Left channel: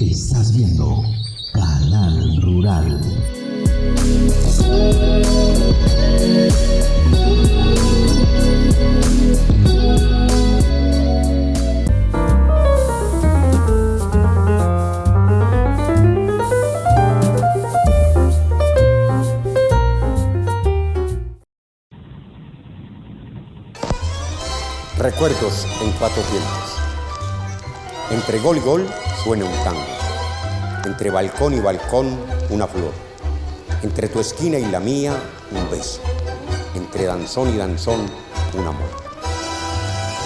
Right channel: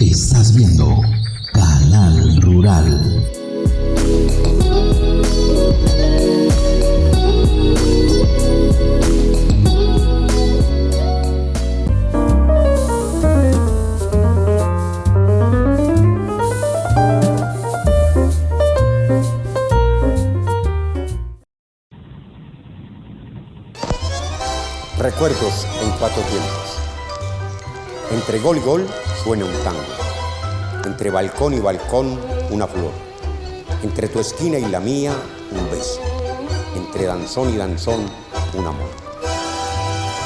Estás viendo Canal Rural. Recuerdos en cuatro tiempos. Entre gol y gol suena un tango. Entre balcón y balcón una flor. Entre tu esquina y la mía un beso. Entre danzón y danzón un amor.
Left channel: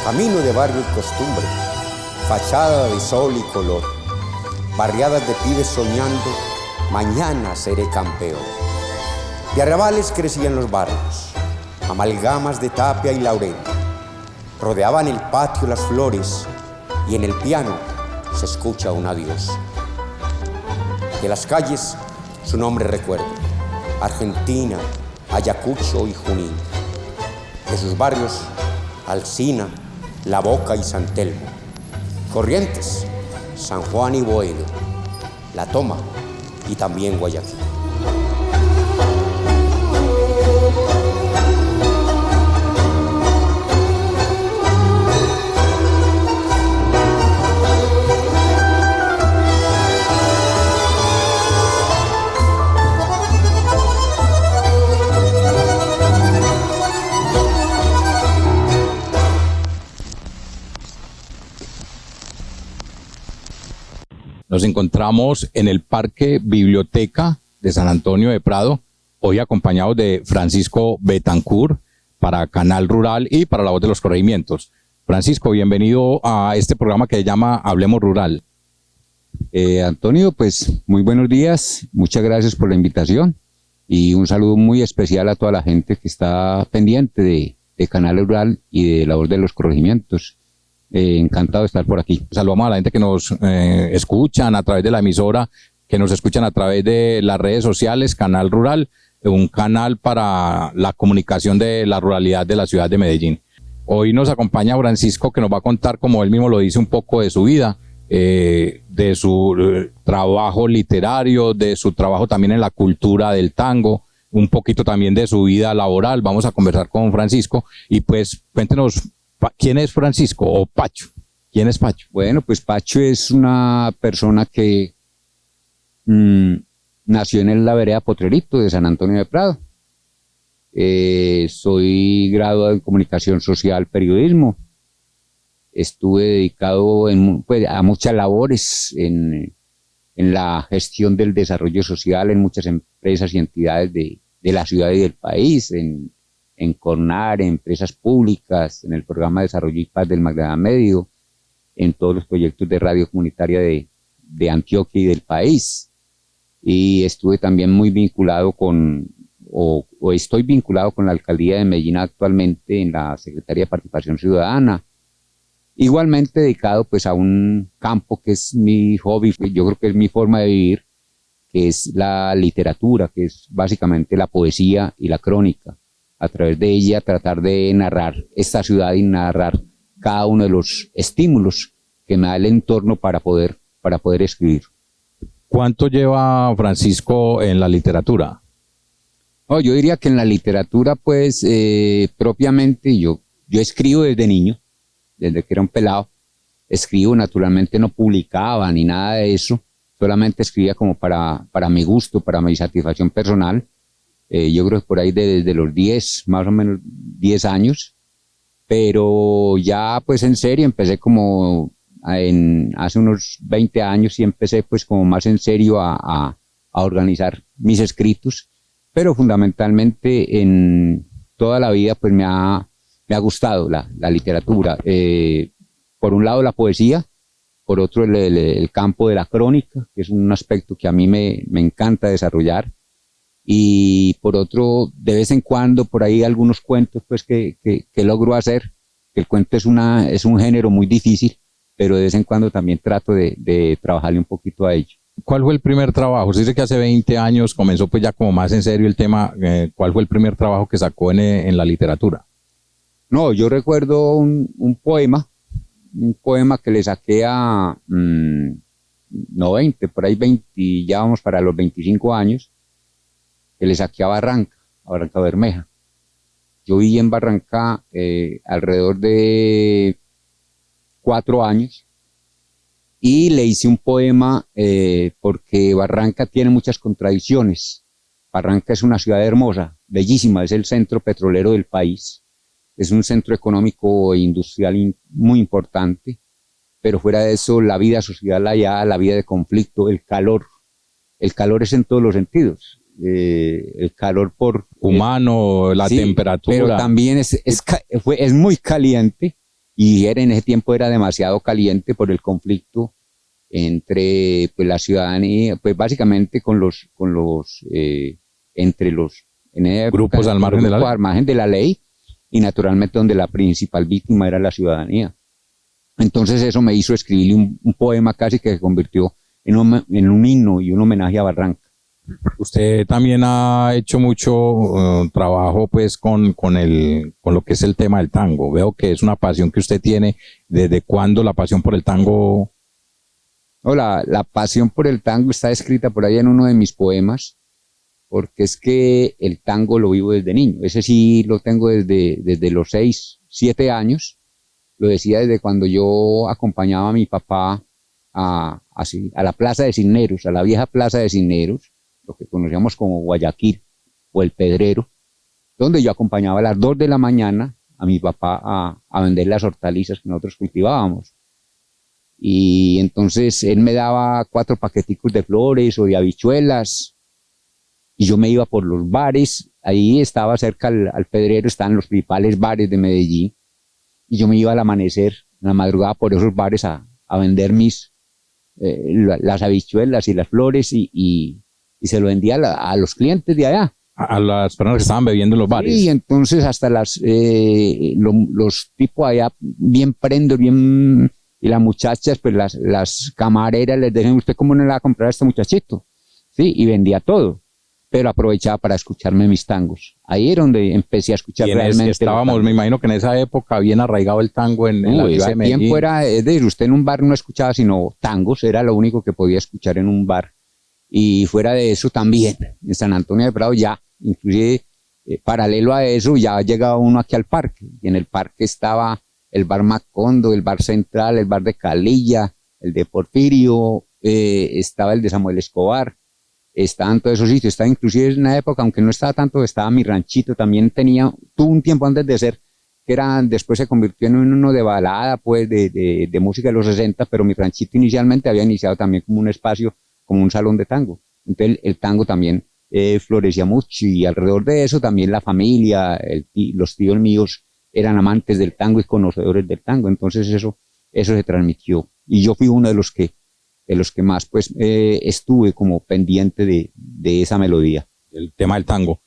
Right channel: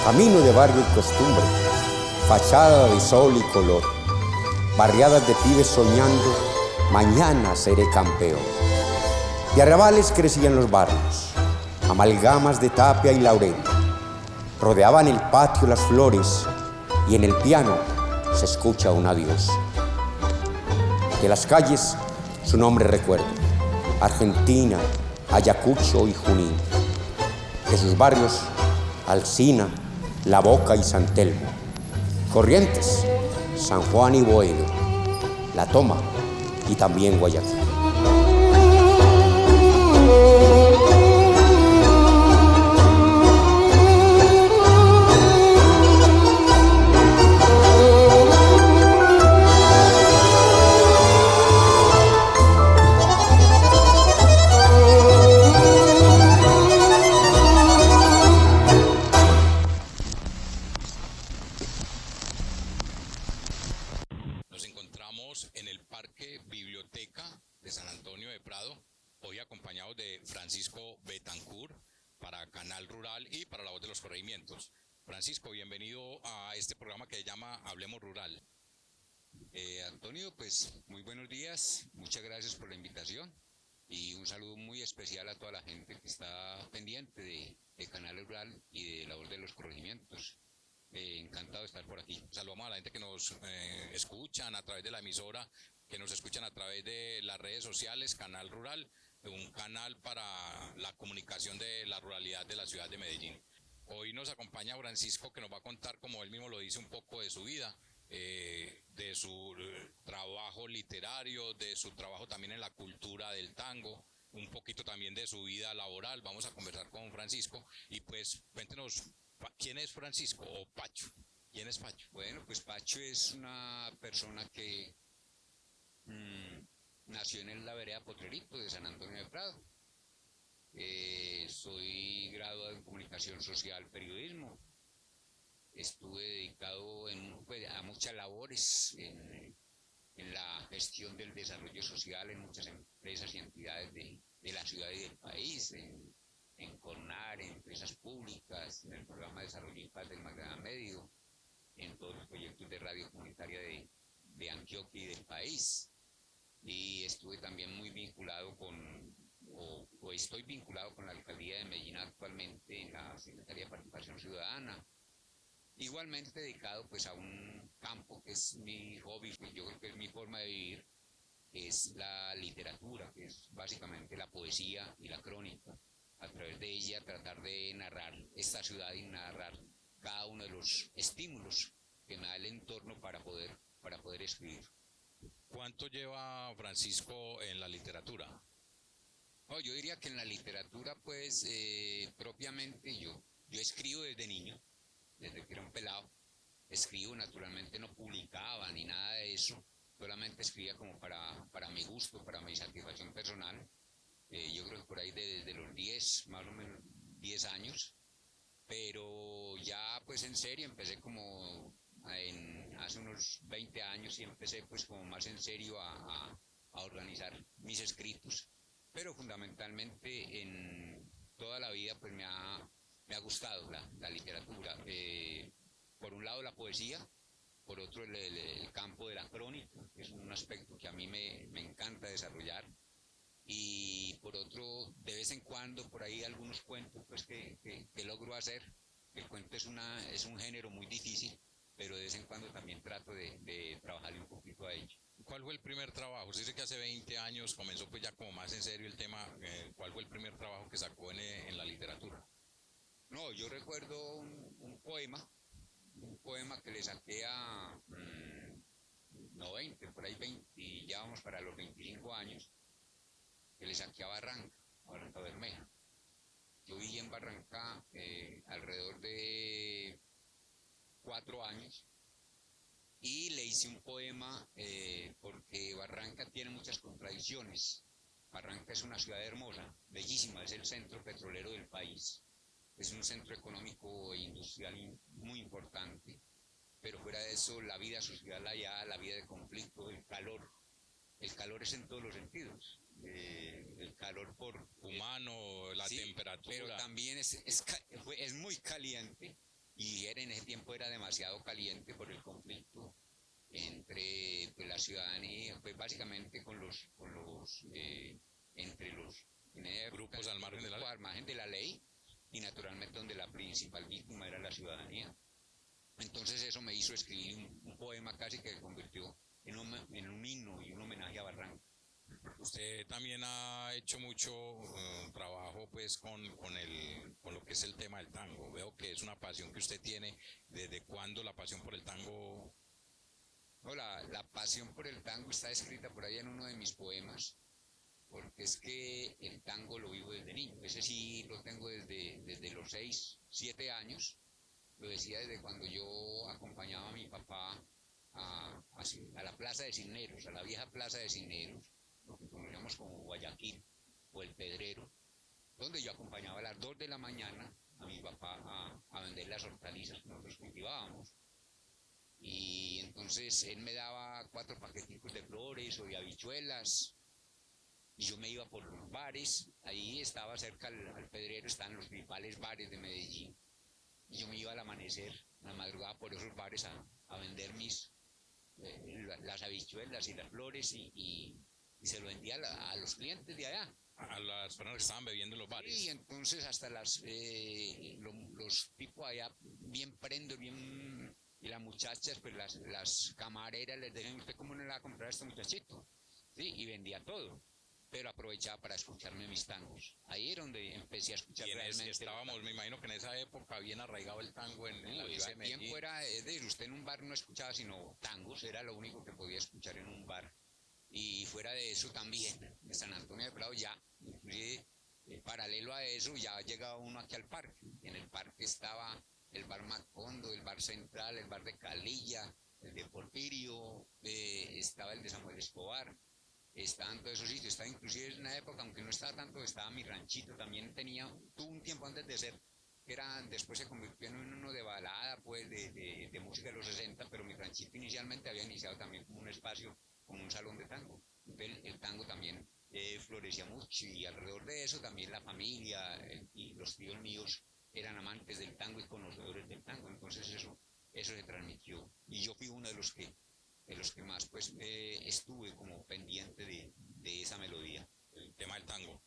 Camino de barrio y costumbre. Fachada de sol y color. Barriadas de pibes soñando. Mañana seré campeón. De arrabales crecían los barrios. Amalgamas de tapia y laurel. Rodeaban el patio las flores y en el piano se escucha un adiós. De las calles su nombre recuerdo, Argentina, Ayacucho y Junín. De sus barrios, Alsina, La Boca y San Telmo. Corrientes, San Juan y Boedo, La Toma y también Guayaquil. Nos encontramos en el Parque Biblioteca de San Antonio de Prado, hoy acompañados de Francisco Betancourt para Canal Rural y para La Voz de los Corregimientos. Francisco, bienvenido a este programa que se llama Hablemos Rural. Antonio, pues muy buenos días, muchas gracias por la invitación y un saludo muy especial a toda la gente que está pendiente de Canal Rural y de La Voz de los Corregimientos. Encantado de estar por aquí. Saludamos a la gente que nos escuchan a través de la emisora, que nos escuchan a través de las redes sociales, Canal Rural, un canal para la comunicación de la ruralidad de la ciudad de Medellín. Hoy nos acompaña Francisco, que nos va a contar, como él mismo lo dice, un poco de su vida, de su trabajo literario, de su trabajo también en la cultura del tango, un poquito también de su vida laboral. Vamos a conversar con Francisco y pues cuéntenos, ¿quién es Francisco o Pacho? ¿Quién es Pacho? Bueno, pues Pacho es una persona que nació en la vereda Potrerito de San Antonio de Prado. Soy graduado en Comunicación Social, Periodismo. Estuve dedicado a muchas labores en la gestión del desarrollo social en muchas empresas y entidades de la ciudad y del país, en CORNAR, en empresas públicas, en el programa de desarrollo y paz del Magdalena Medio, en todos los proyectos de radio comunitaria de Antioquia y del país. Y estuve también muy vinculado o estoy vinculado con la alcaldía de Medellín actualmente en la Secretaría de Participación Ciudadana. Igualmente dedicado pues a un campo que es mi hobby, yo creo que es mi forma de vivir, que es la literatura, que es básicamente la poesía y la crónica. A través de ella tratar de narrar esta ciudad y narrar cada uno de los estímulos que me da el entorno para poder escribir. ¿Cuánto lleva Francisco en la literatura? Yo diría que en la literatura, pues, propiamente yo escribo desde niño, desde que era un pelado. Escribo, naturalmente no publicaba ni nada de eso, solamente escribía como para mi gusto, para mi satisfacción personal. Yo creo que por ahí desde los 10, más o menos 10 años, pero ya pues en serio empecé como hace unos 20 años y empecé pues como más en serio a organizar mis escritos, pero fundamentalmente en toda la vida pues me ha gustado la literatura. Por un lado la poesía, por otro el campo de la crónica, que es un aspecto que a mí me encanta desarrollar. Y por otro, de vez en cuando, por ahí algunos cuentos pues que logro hacer. El cuento es un género muy difícil, pero de vez en cuando también trato de trabajarle un poquito a ello. ¿Cuál fue el primer trabajo? Se dice que hace 20 años comenzó pues ya como más en serio el tema. ¿Cuál fue el primer trabajo que sacó en la literatura? No, yo recuerdo un poema que le saqué no 20, por ahí 20, ya vamos para los 25 años, que le saqué a Barranca Bermeja. Yo viví en Barranca alrededor de 4 años y le hice un poema porque Barranca tiene muchas contradicciones. Barranca es una ciudad hermosa, bellísima, es el centro petrolero del país, es un centro económico e industrial muy importante, pero fuera de eso la vida social allá, la vida de conflicto, el calor es en todos los sentidos. El calor por humano, la sí, temperatura. pero también es muy caliente y en ese tiempo era demasiado caliente por el conflicto entre pues, la ciudadanía, pues básicamente entre los en esa Grupos época, al margen de la ley. al margen de la ley y naturalmente donde la principal víctima era la ciudadanía. Entonces eso me hizo escribir un poema casi que se convirtió en un himno y un homenaje a Barranca. Usted también ha hecho mucho trabajo pues con lo que es el tema del tango. Veo que es una pasión que usted tiene. ¿Desde cuándo la pasión por el tango? No, la pasión por el tango está escrita por ahí en uno de mis poemas, porque es que el tango lo vivo desde niño. Ese sí lo tengo desde los 6, 7 años. Lo decía desde cuando yo acompañaba a mi papá a la Plaza de Cisneros, a la vieja Plaza de Cisneros, lo que conocíamos como Guayaquil o el Pedrero, donde yo acompañaba a las 2 de la mañana a mi papá a vender las hortalizas que nosotros cultivábamos. Y entonces él me daba 4 paqueticos de flores o de habichuelas y yo me iba por los bares. Ahí estaba cerca al Pedrero, estaban los principales bares de Medellín y yo me iba al amanecer, en la madrugada, por esos bares a vender las habichuelas y las flores y se lo vendía a los clientes de allá. A las personas que estaban bebiendo en los bares. Sí, entonces hasta los tipos allá bien prendos, bien, y las muchachas, pues las camareras les decían, ¿usted cómo no le va a comprar a este muchachito? Sí, y vendía todo, pero aprovechaba para escucharme mis tangos. Ahí era donde empecé a escuchar realmente. Estábamos, me imagino que en esa época bien arraigado el tango en la ciudad de Medellín. Tiempo era, es decir, usted en un bar no escuchaba sino tangos, era lo único que podía escuchar en un bar. Y fuera de eso también, en San Antonio de Prado ya, inclusive paralelo a eso, ya llegaba uno aquí al parque. Y en el parque estaba el bar Macondo, el bar Central, el bar de Calilla, el de Porfirio, estaba el de Samuel Escobar, estaban todos esos sitios. Estaba inclusive en una época, aunque no estaba tanto, estaba mi ranchito, también tuvo un tiempo antes de ser, después se convirtió en uno de balada, pues de música de los 60, pero mi ranchito inicialmente había iniciado también como un espacio, como un salón de tango. Entonces el tango también florecía mucho y alrededor de eso también la familia, los tíos míos eran amantes del tango y conocedores del tango. Entonces eso se transmitió y yo fui uno de los que más pues estuve como pendiente de esa melodía. El tema del tango.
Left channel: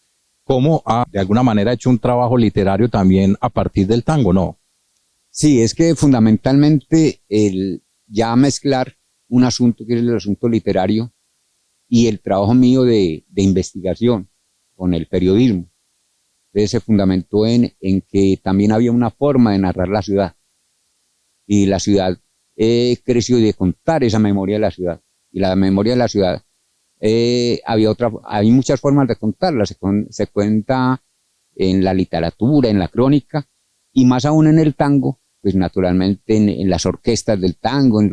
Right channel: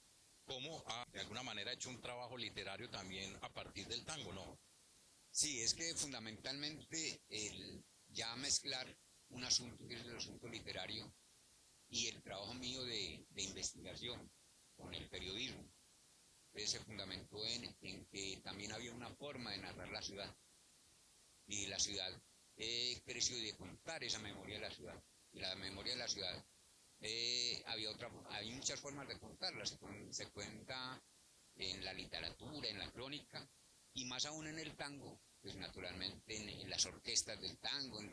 ¿Cómo de alguna manera ha hecho un trabajo literario también a partir del tango, no? Sí, es que fundamentalmente ya mezclar un asunto que es el asunto literario y el trabajo mío de investigación con el periodismo. Entonces se fundamentó en que también había una forma de narrar la ciudad y la ciudad creció de contar esa memoria de la ciudad. Y la memoria de la ciudad, hay muchas formas de contarla. Se cuenta en la literatura, en la crónica y más aún en el tango, pues naturalmente en las orquestas del tango, en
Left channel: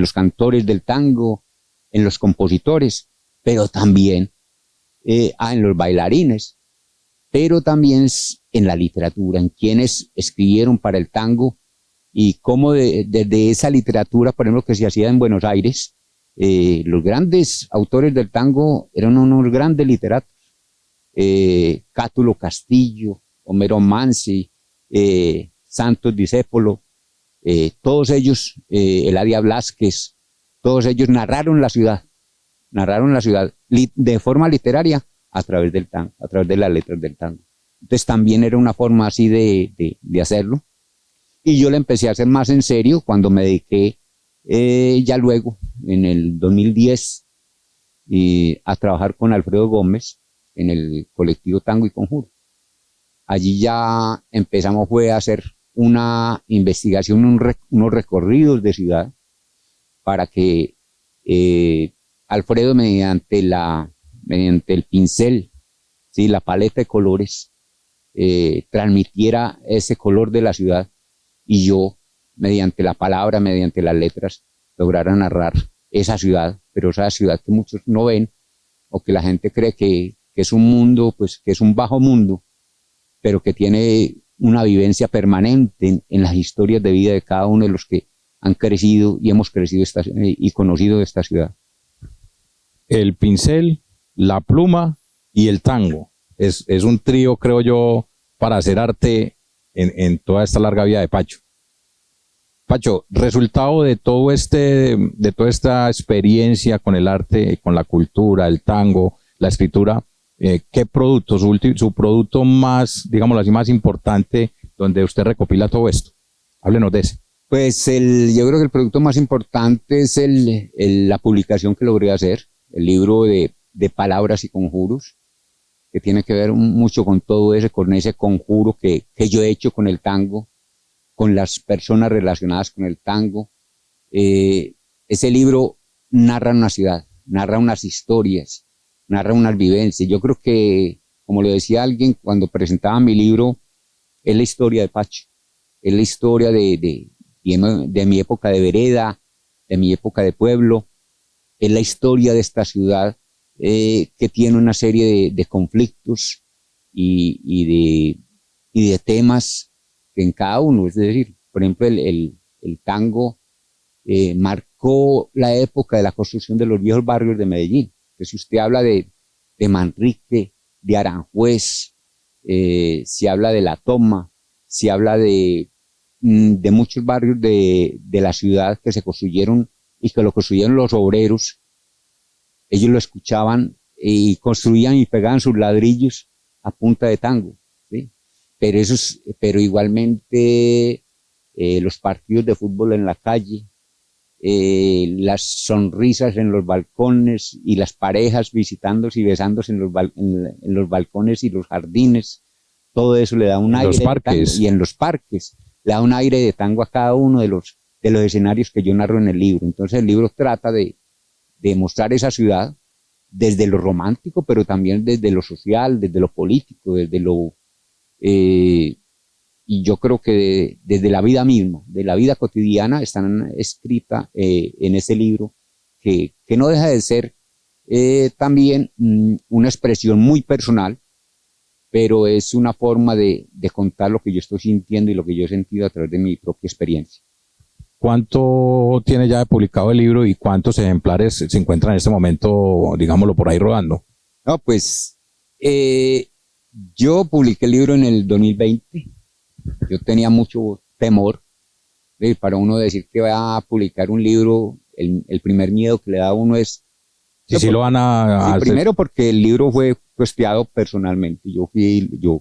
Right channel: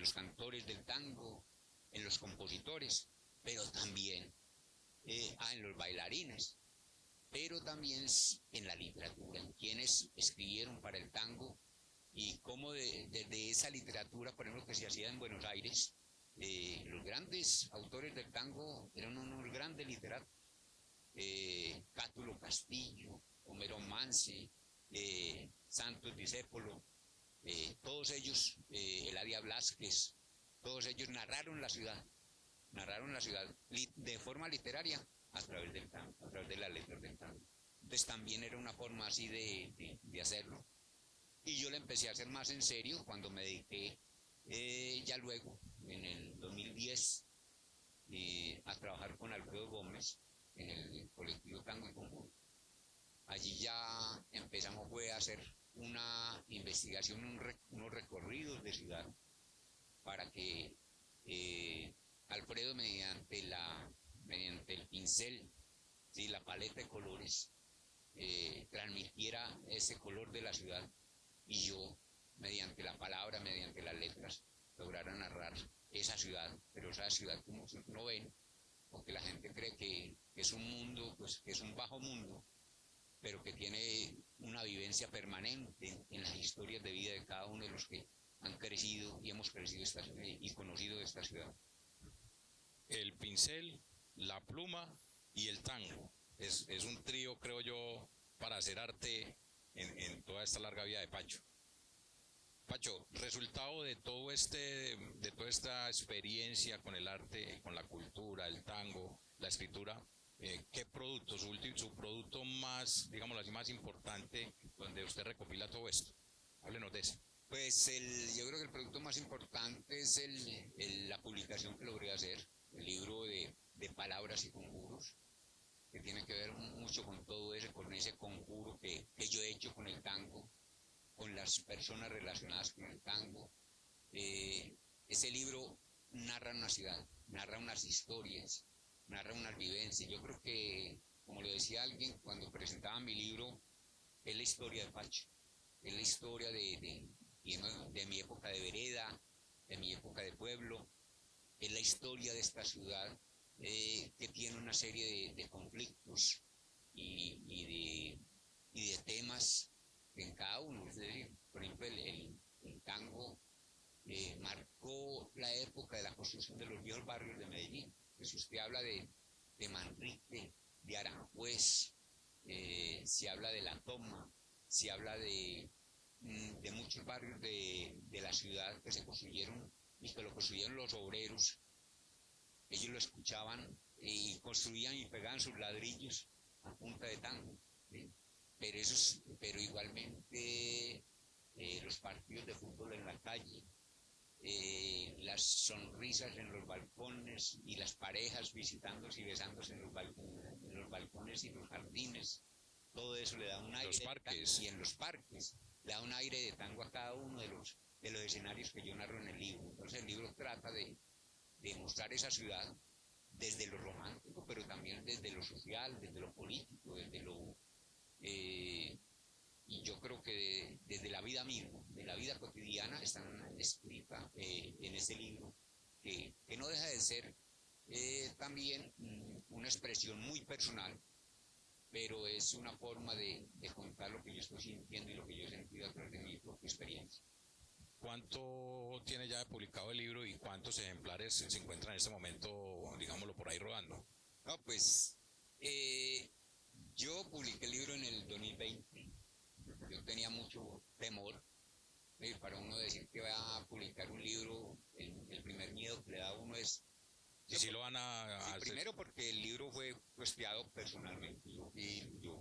los cantores del tango, en los compositores, pero también en los bailarines, pero también en la literatura, en quienes escribieron para el tango y cómo desde esa literatura, por ejemplo, que se hacía en Buenos Aires, los grandes autores del tango eran unos grandes literatos, Cátulo Castillo, Homero Manzi, Santos Discépolo, todos ellos, Eladia Blasquez, todos ellos narraron la ciudad de forma literaria a través del tango, a través de las letras del tango. Entonces también era una forma así de hacerlo. Y yo le empecé a hacer más en serio cuando me dediqué ya luego, en el 2010, a trabajar con Alfredo Gómez en el colectivo Tango y Conjuro. Allí ya fue a hacer una investigación, unos recorridos de ciudad, para que Alfredo, mediante el pincel, ¿sí? La paleta de colores, transmitiera ese color de la ciudad, y yo, mediante la palabra, mediante las letras, lograra narrar esa ciudad, pero esa ciudad que muchos no ven, o que la gente cree que es un mundo, pues que es un bajo mundo, pero que tiene una vivencia permanente en las historias de vida de cada uno de los que han crecido y hemos crecido y conocido esta ciudad. El pincel, la pluma y el tango. Es un trío, creo yo, para hacer arte en toda esta larga vida de Pacho. Pacho, resultado de toda esta experiencia con el arte, con la cultura, el tango, la escritura, ¿qué producto, su producto más, digámoslo así, más importante, donde usted recopila todo esto? Háblenos de ese. Pues yo creo que el producto más importante es la publicación que logré hacer, el libro de palabras y conjuros, que tiene que ver mucho con todo eso, con ese conjuro que yo he hecho con el tango, con las personas relacionadas con el tango. Ese libro narra una ciudad, narra unas historias, narra unas vivencias. Yo creo que, como lo decía alguien cuando presentaba mi libro, es la historia de Pacho, es la historia de mi época de vereda, de mi época de pueblo, es la historia de esta ciudad que tiene una serie de conflictos y de temas en cada uno. Es decir, por ejemplo, el tango marcó la época de la construcción de los viejos barrios de Medellín. Si usted habla de Manrique, de Aranjuez, si habla de La Toma, si habla de muchos barrios de la ciudad que se construyeron y que lo construyeron los obreros, ellos lo escuchaban y construían y pegaban sus ladrillos a punta de tango, ¿sí? Pero igualmente los partidos de fútbol en la calle, las sonrisas en los balcones y las parejas visitándose y besándose en los balcones y los jardines, todo eso le da un aire de tango. Y en los parques le da un aire de tango a cada uno de los escenarios que yo narro en el libro. Entonces el libro trata de mostrar esa ciudad desde lo romántico, pero también desde lo social, desde lo político, y yo creo que desde la vida misma, de la vida cotidiana, están escritas en ese libro, que no deja de ser también una expresión muy personal, pero es una forma de contar lo que yo estoy sintiendo y lo que yo he sentido a través de mi propia experiencia. ¿Cuánto tiene ya publicado el libro y cuántos ejemplares se encuentran en este momento, digámoslo, por ahí rodando? No, pues yo publiqué el libro en el 2020. Yo tenía mucho temor para uno decir que va a publicar un libro. El primer miedo que le da a uno es... Sí, lo van a hacer. Primero porque el libro fue costeado personalmente. Yo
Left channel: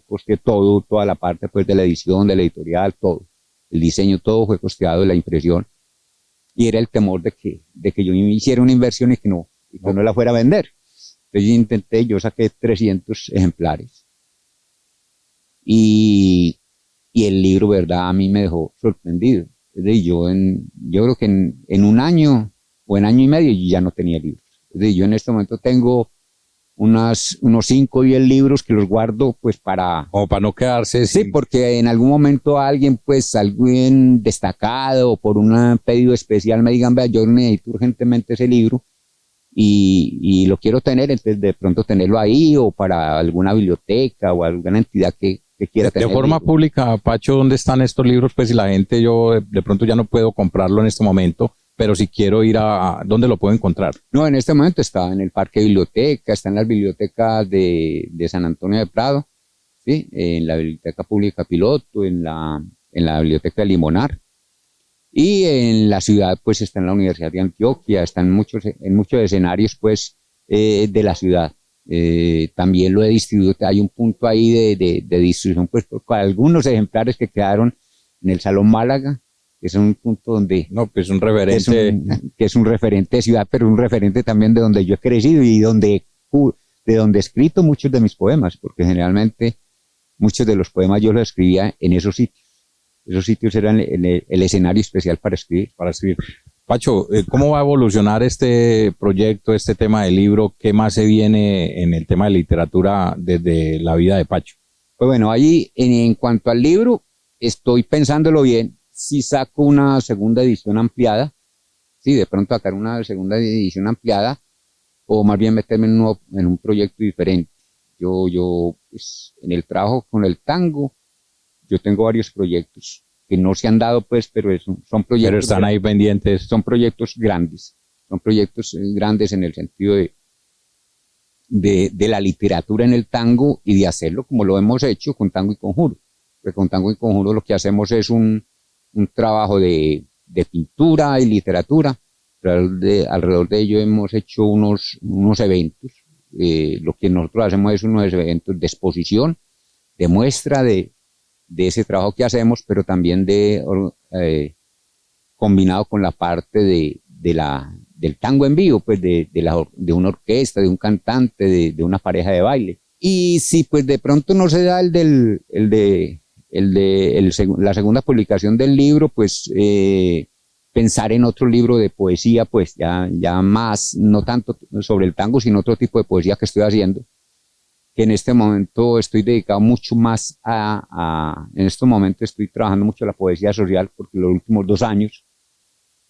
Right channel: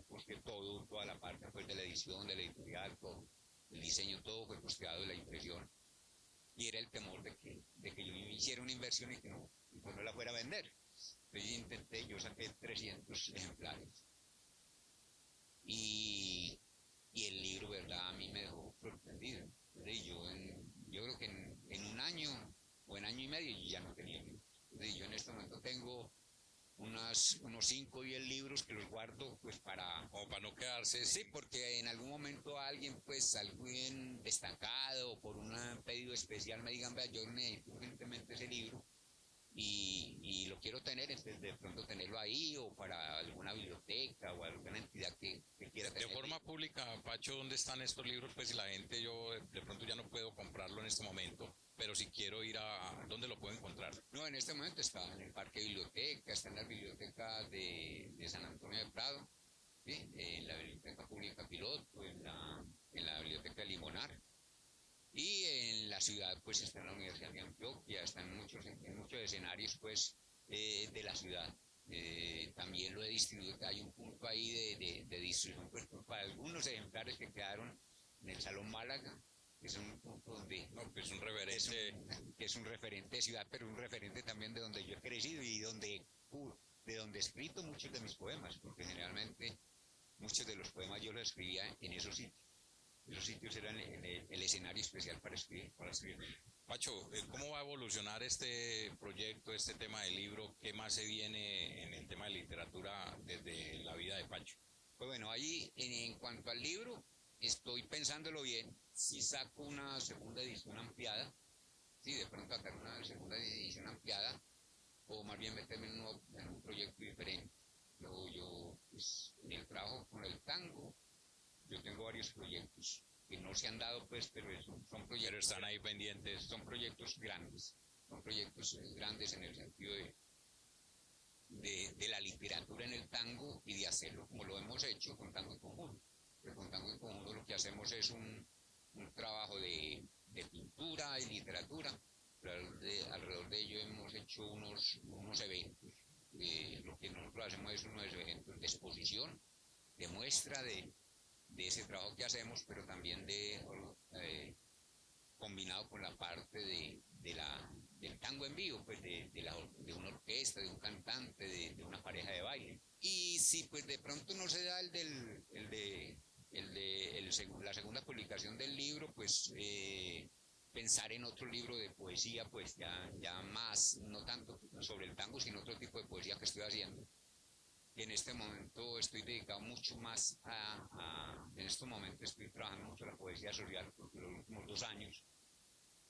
costeé toda la parte pues, de la edición, de la editorial, todo. El diseño, todo fue costeado, la impresión. Y era el temor de que yo hiciera una inversión y que no la fuera a vender. Entonces yo saqué 300 ejemplares. Y el libro, verdad, a mí me dejó sorprendido. Es decir, yo creo que en un año o en año y medio yo ya no tenía libros. Es decir, yo en este momento tengo unos 5 o 10 libros que los guardo pues para... O para no quedarse... Sí, porque en algún momento alguien destacado o por un pedido especial me digan, vea, yo necesito urgentemente ese libro y lo quiero tener, entonces de pronto tenerlo ahí o para alguna biblioteca o alguna entidad que quiera tener. De forma pública, Pacho, ¿dónde están estos libros? Pues si la gente, yo de pronto ya no puedo comprarlo en este momento, pero si quiero ir ¿dónde lo puedo encontrar? No, en este momento está en el Parque Biblioteca, está en las bibliotecas de San Antonio de Prado, ¿sí? En la Biblioteca Pública Piloto, en la Biblioteca de Limonar, y en la ciudad pues está en la Universidad de Antioquia, está en muchos escenarios pues de la ciudad. También lo he distribuido, hay un punto ahí de distribución pues para algunos ejemplares que quedaron en el Salón Málaga, que es un punto donde... No, pues un referente... Que es un referente de ciudad, pero un referente también de donde yo he crecido y de donde he escrito muchos de mis poemas, porque generalmente muchos de los poemas yo los escribía en esos sitios. Esos sitios eran el escenario especial para escribir. Para escribir. Pacho, ¿cómo va a evolucionar este proyecto, este tema del libro? ¿Qué más se viene en el tema de literatura desde la vida de Pacho? Pues bueno, ahí en cuanto al libro, estoy pensándolo bien, si saco una segunda edición ampliada, sí, de pronto sacar una segunda edición ampliada, o más bien meterme en un proyecto diferente. Yo pues, en el trabajo con el tango, yo tengo varios proyectos que no se han dado, pues, pero son proyectos. Pero están ahí pendientes. Son proyectos grandes en el sentido de la literatura en el tango y de hacerlo como lo hemos hecho con Tango y Conjuro. Porque con Tango y Conjuro lo que hacemos es un trabajo de pintura y literatura. Alrededor de ello hemos hecho unos eventos. Lo que nosotros hacemos es unos eventos de exposición, de muestra de ese trabajo que hacemos, pero también combinado con la parte del tango en vivo, pues de una orquesta, de un cantante, de una pareja de baile. Y si pues de pronto no se da la segunda publicación del libro, pues pensar en otro libro de poesía, pues ya más, no tanto sobre el tango, sino otro tipo de poesía que estoy haciendo, que en este momento estoy dedicado mucho más en este momento estoy trabajando mucho la poesía social, porque los últimos 2 años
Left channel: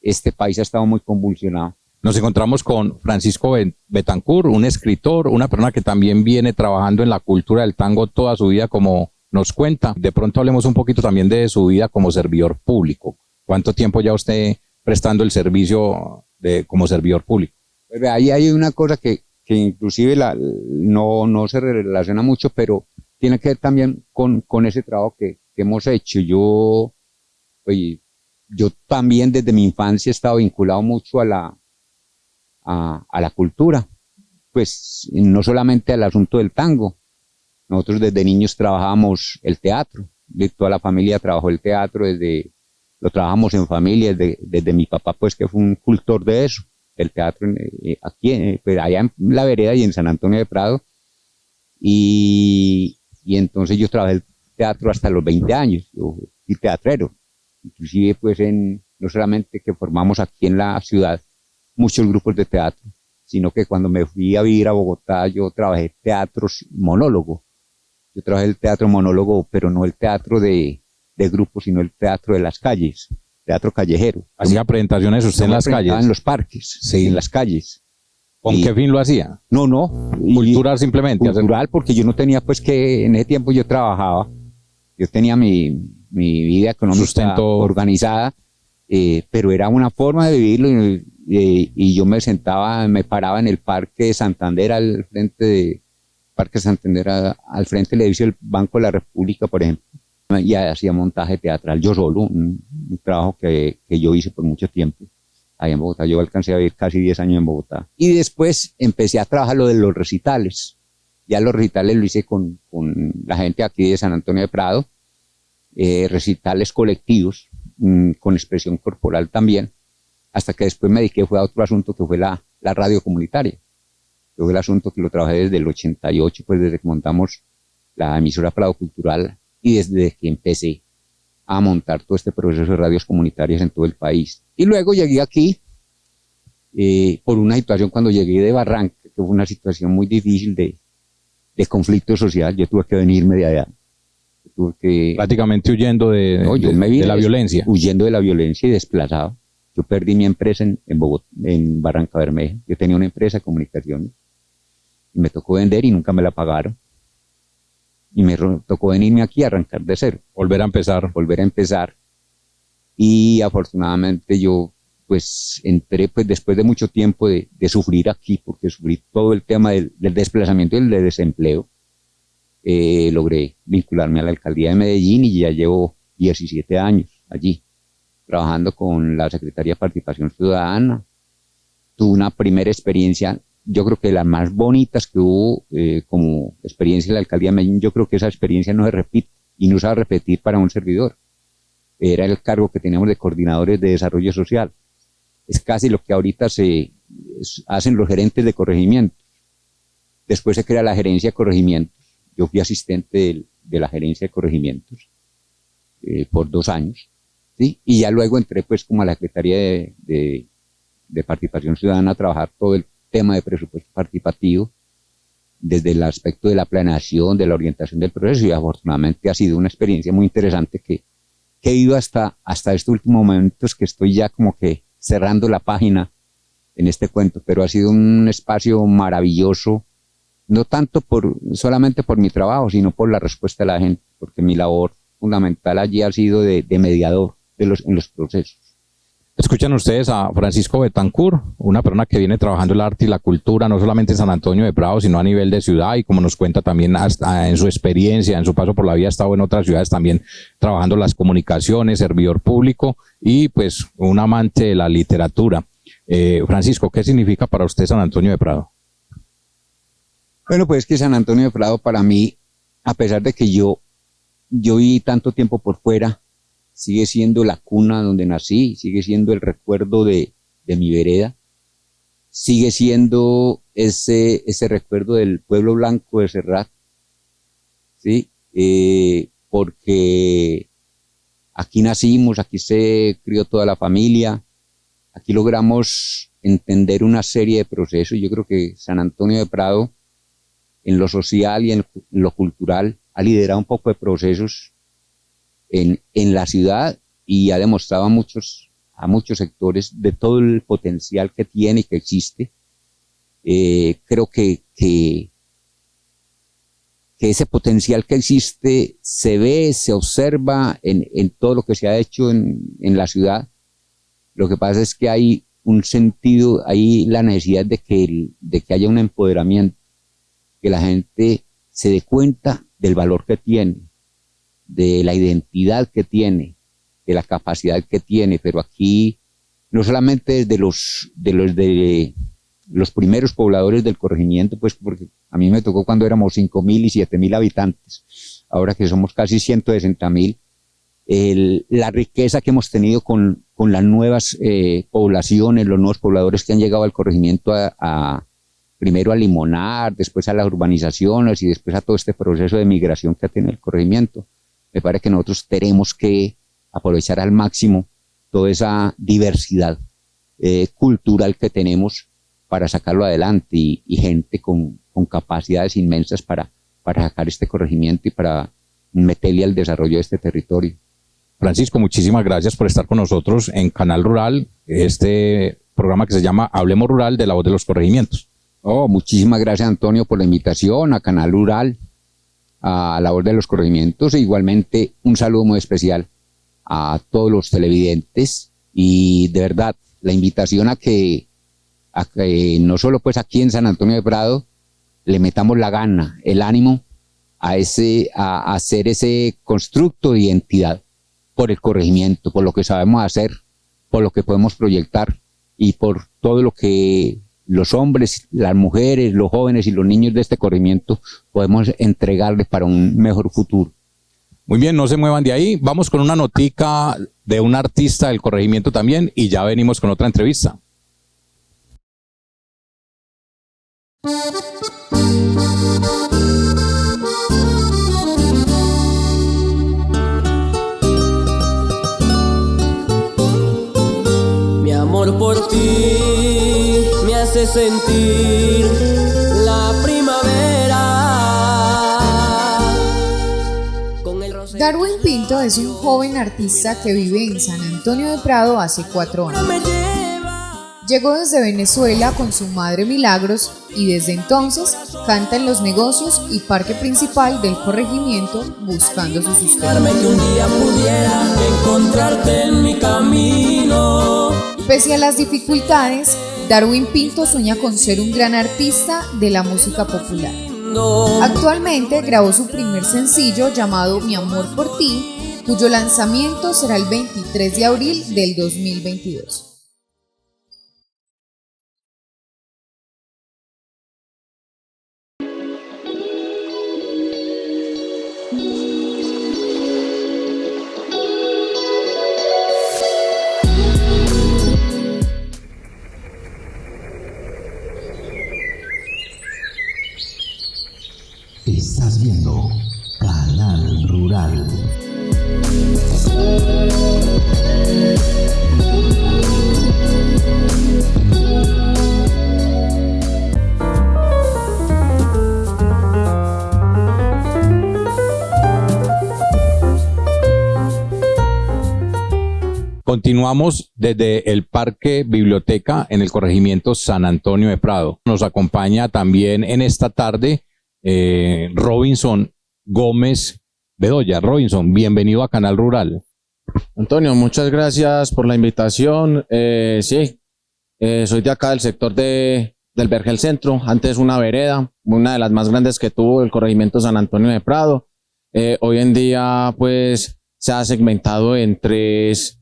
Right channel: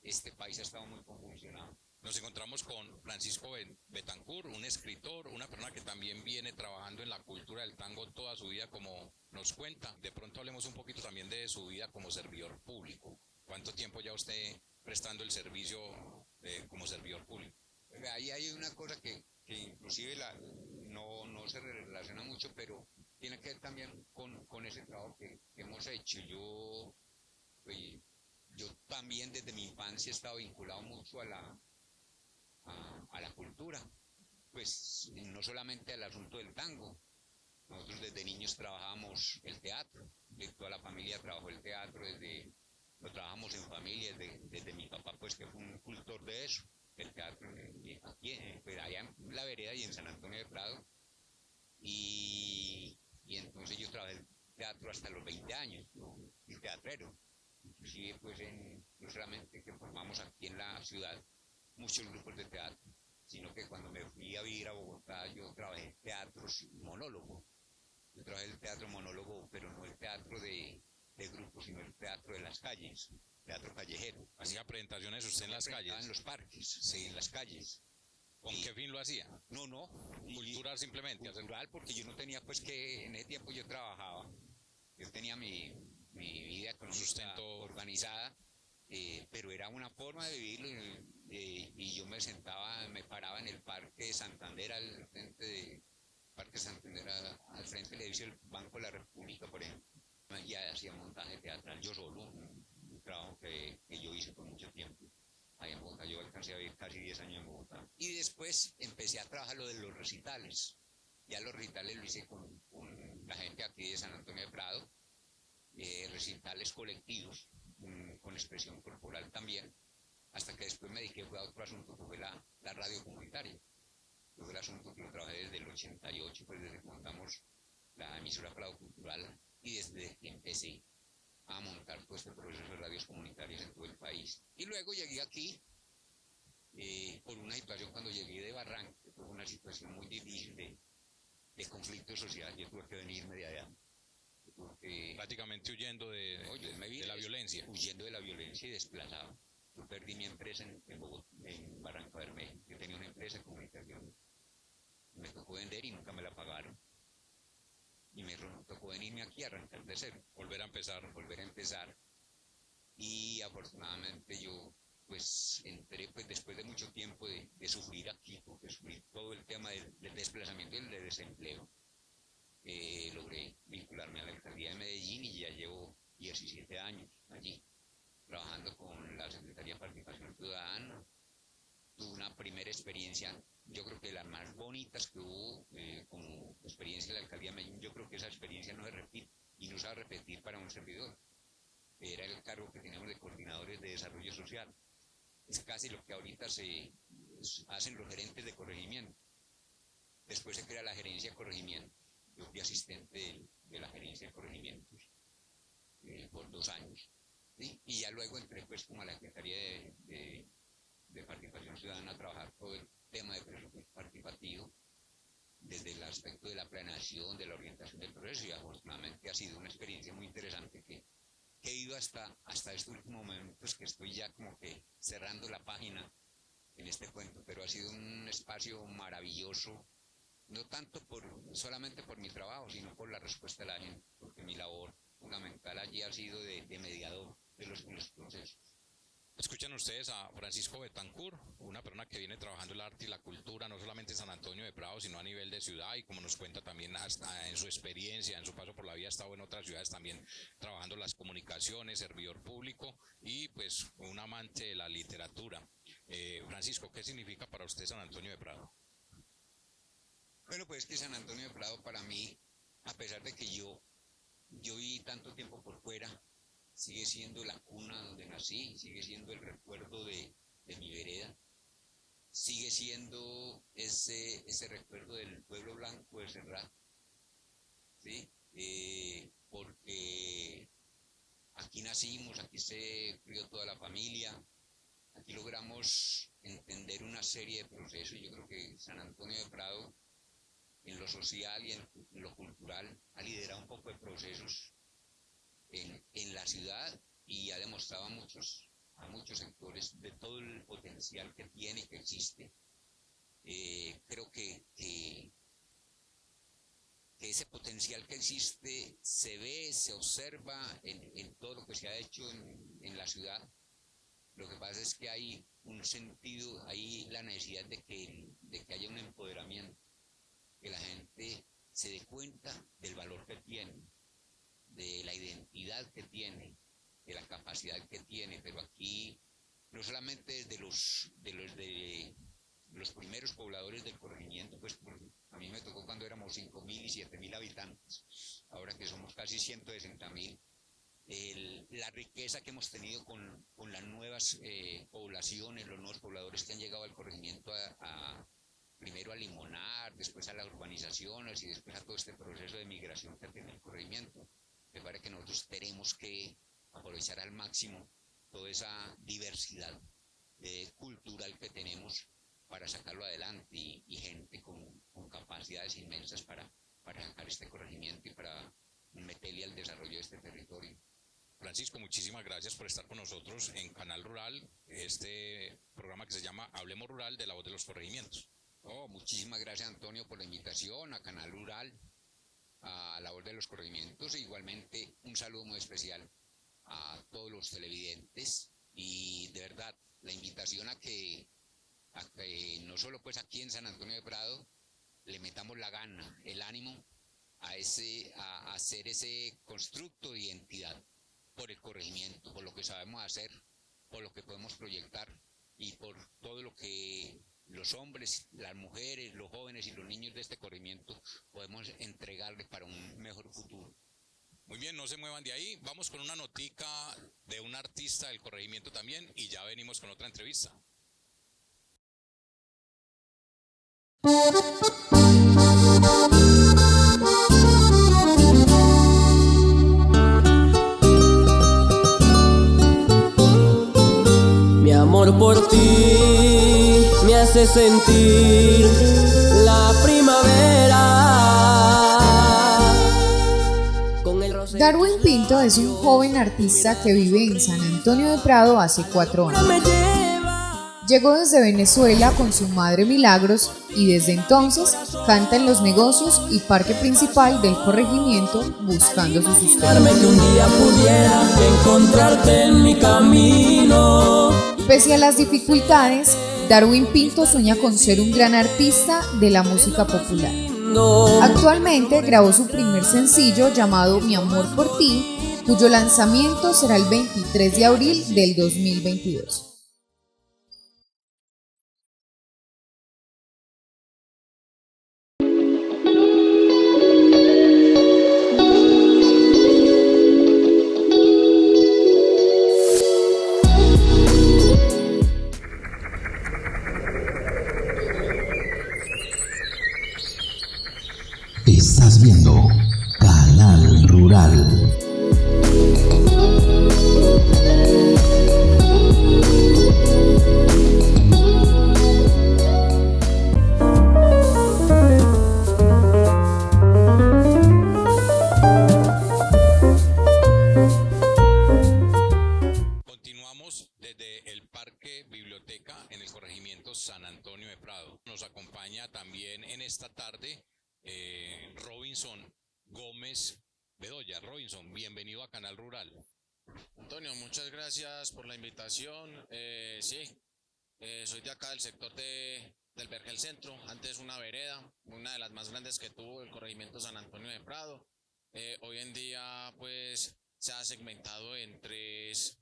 este país ha estado muy convulsionado. Nos encontramos con Francisco Betancur, un escritor, una persona que también viene trabajando en la cultura del tango toda su vida, como nos cuenta. De pronto hablemos un poquito también de su vida como servidor público. ¿Cuánto tiempo ya usted prestando el servicio como servidor público? Ahí hay una cosa que inclusive no se relaciona mucho, pero tiene que ver también con ese trabajo que hemos hecho. Yo también desde mi infancia he estado vinculado mucho a la cultura, pues no solamente al asunto del tango. Nosotros desde niños trabajábamos el teatro, toda la familia trabajó el teatro, lo trabajamos en familia, desde mi papá, pues que fue un cultor de eso, el teatro aquí, pues, allá en la vereda y en San Antonio de Prado, y entonces yo trabajé el teatro hasta los 20 años, yo fui teatrero, inclusive pues no solamente que formamos aquí en la ciudad muchos grupos de teatro, sino que cuando me fui a vivir a Bogotá yo trabajé teatros monólogo. Yo trabajé el teatro monólogo, pero no el teatro de grupos, sino el teatro de las calles, teatro callejero. ¿Hacía presentaciones usted en las calles? En los parques, sí, en las calles. ¿Con qué fin lo hacía? No. Cultural simplemente. Cultural, porque yo no tenía, pues que en ese tiempo yo trabajaba, yo tenía mi vida económica organizada, pero era una forma de vivirlo y yo me paraba en el Parque Santander al frente del edificio del Banco de la República, por ejemplo, y hacía montaje teatral yo solo, un trabajo que yo hice por mucho tiempo allá en Bogotá. Yo alcancé a vivir casi 10 años en Bogotá. Y después empecé a trabajar lo de los recitales. Ya los recitales lo hice con la gente aquí de San Antonio de Prado, recitales colectivos, con expresión corporal también, hasta que después me dediqué a otro asunto que fue la radio comunitaria. Que fue el asunto que lo trabajé desde el 88, pues desde que montamos la emisora Prado Cultural y desde que empecé a montar todo este proceso de radios comunitarias en todo el país. Y luego llegué aquí por una situación cuando llegué de Barranca, que fue una situación muy difícil de conflicto social. Yo tuve que venirme de allá. Prácticamente huyendo de la violencia. Huyendo de la violencia y desplazado. Yo perdí mi empresa en Bogotá, en Barranca Bermeja. Yo tenía una empresa de comunicaciones y me tocó vender y nunca me la pagaron. Y me tocó venirme aquí a arrancar de cero. Volver a empezar. Y afortunadamente yo pues entré pues después de mucho tiempo de sufrir aquí, porque sufrí todo el tema del desplazamiento y el de desempleo. Logré vincularme a la alcaldía de Medellín y ya llevo 17 años allí, trabajando con la Secretaría de Participación Ciudadana. Tuve una primera experiencia, yo creo que las más bonitas que hubo como experiencia en la alcaldía de Medellín. Yo creo que esa experiencia no se repite y no se va a repetir para un servidor. Era el cargo que teníamos de coordinadores de desarrollo social. Es casi lo que ahorita hacen los gerentes de corregimiento. Después se crea la gerencia de corregimientos. Yo fui asistente de la gerencia de corregimientos por 2 años, ¿sí? Y ya luego entré pues como a la Secretaría de Participación Ciudadana a trabajar todo el tema de presupuesto participativo desde el aspecto de la planeación, de la orientación del proceso, y afortunadamente ha sido una experiencia muy interesante que he ido hasta estos últimos momentos, que estoy ya como que cerrando la página en este cuento, pero ha sido un espacio maravilloso, no tanto solamente por mi trabajo, sino por la respuesta de la gente, porque mi labor fundamental allí ha sido de mediador en los procesos. Escuchan ustedes a Francisco Betancur, una persona que viene trabajando el arte y la cultura, no solamente en San Antonio de Prado, sino a nivel de ciudad, y como nos cuenta también hasta en su experiencia, en su paso por la vida, ha estado en otras ciudades también trabajando las comunicaciones, servidor público y pues un amante de la literatura. Francisco, ¿qué significa para usted San Antonio de Prado? Bueno, pues que San Antonio de Prado para mí, a pesar de que yo viví tanto tiempo por fuera, sigue siendo la cuna donde nací, sigue siendo el recuerdo de mi vereda, sigue siendo ese recuerdo del pueblo blanco de Serrat, ¿sí? Porque aquí nacimos, aquí se crió toda la familia, aquí logramos entender una serie de procesos. Yo creo que San Antonio de Prado, en lo social y en lo cultural, ha liderado un poco de procesos en la ciudad y ha demostrado a muchos sectores de todo el potencial que tiene y que existe. Creo que ese potencial que existe se ve, se observa en todo lo que se ha hecho en la ciudad. Lo que pasa es que hay un sentido, hay la necesidad de que haya un empoderamiento, que la gente se dé cuenta del valor que tiene, de la identidad que tiene, de la capacidad que tiene, pero aquí no solamente desde los primeros pobladores del corregimiento, pues porque a mí me tocó cuando éramos 5.000 y 7.000 habitantes, ahora que somos casi 160.000, la riqueza que hemos tenido con las nuevas poblaciones, los nuevos pobladores que han llegado al corregimiento primero a limonar, después a las urbanizaciones y después a todo este proceso de migración que ha tenido el corregimiento. Me parece que nosotros tenemos que aprovechar al máximo toda esa diversidad cultural que tenemos para sacarlo adelante y gente con capacidades inmensas para sacar este corregimiento y para meterle al desarrollo de este territorio. Francisco, muchísimas gracias por estar con nosotros en Canal Rural, este programa que se llama Hablemos Rural, de la voz de los corregimientos. Muchísimas gracias, Antonio, por la invitación a Canal Rural, a la voz de los corregimientos, e igualmente un saludo muy especial a todos los televidentes, y de verdad la invitación a que no solo pues aquí en San Antonio de Prado le metamos la gana, el ánimo a hacer ese constructo de identidad por el corregimiento, por lo que sabemos hacer, por lo que podemos proyectar y por todo lo que los hombres, las mujeres, los jóvenes y los niños de este corregimiento podemos entregarles para un mejor futuro. Muy bien, no se muevan de ahí. Vamos con una notica de un artista del corregimiento también y ya venimos con otra entrevista. Mi amor por ti me hace sentir la primavera. Darwin Pinto es un joven artista que vive en San Antonio de Prado hace 4 años. Llegó desde Venezuela con su madre Milagros y desde entonces canta en los negocios y parque principal del corregimiento buscando su sustento. Que un día pudiera encontrarte en mi camino. Pese a las dificultades, Darwin Pinto sueña con ser un gran artista de la música popular. Actualmente grabó su primer sencillo llamado Mi Amor por Ti, cuyo lanzamiento será el 23 de abril del 2022. Estás viendo Canal Rural. Continuamos desde el Parque Biblioteca en el corregimiento San Antonio de Prado. Nos acompaña también en esta tarde Robinson Gómez Bedoya. Robinson, bienvenido a Canal Rural. Antonio, muchas gracias por la invitación. Sí, soy de acá del sector del Vergel Centro, antes una vereda, una de las más grandes que tuvo el corregimiento San Antonio de Prado. Hoy en día pues se ha segmentado en tres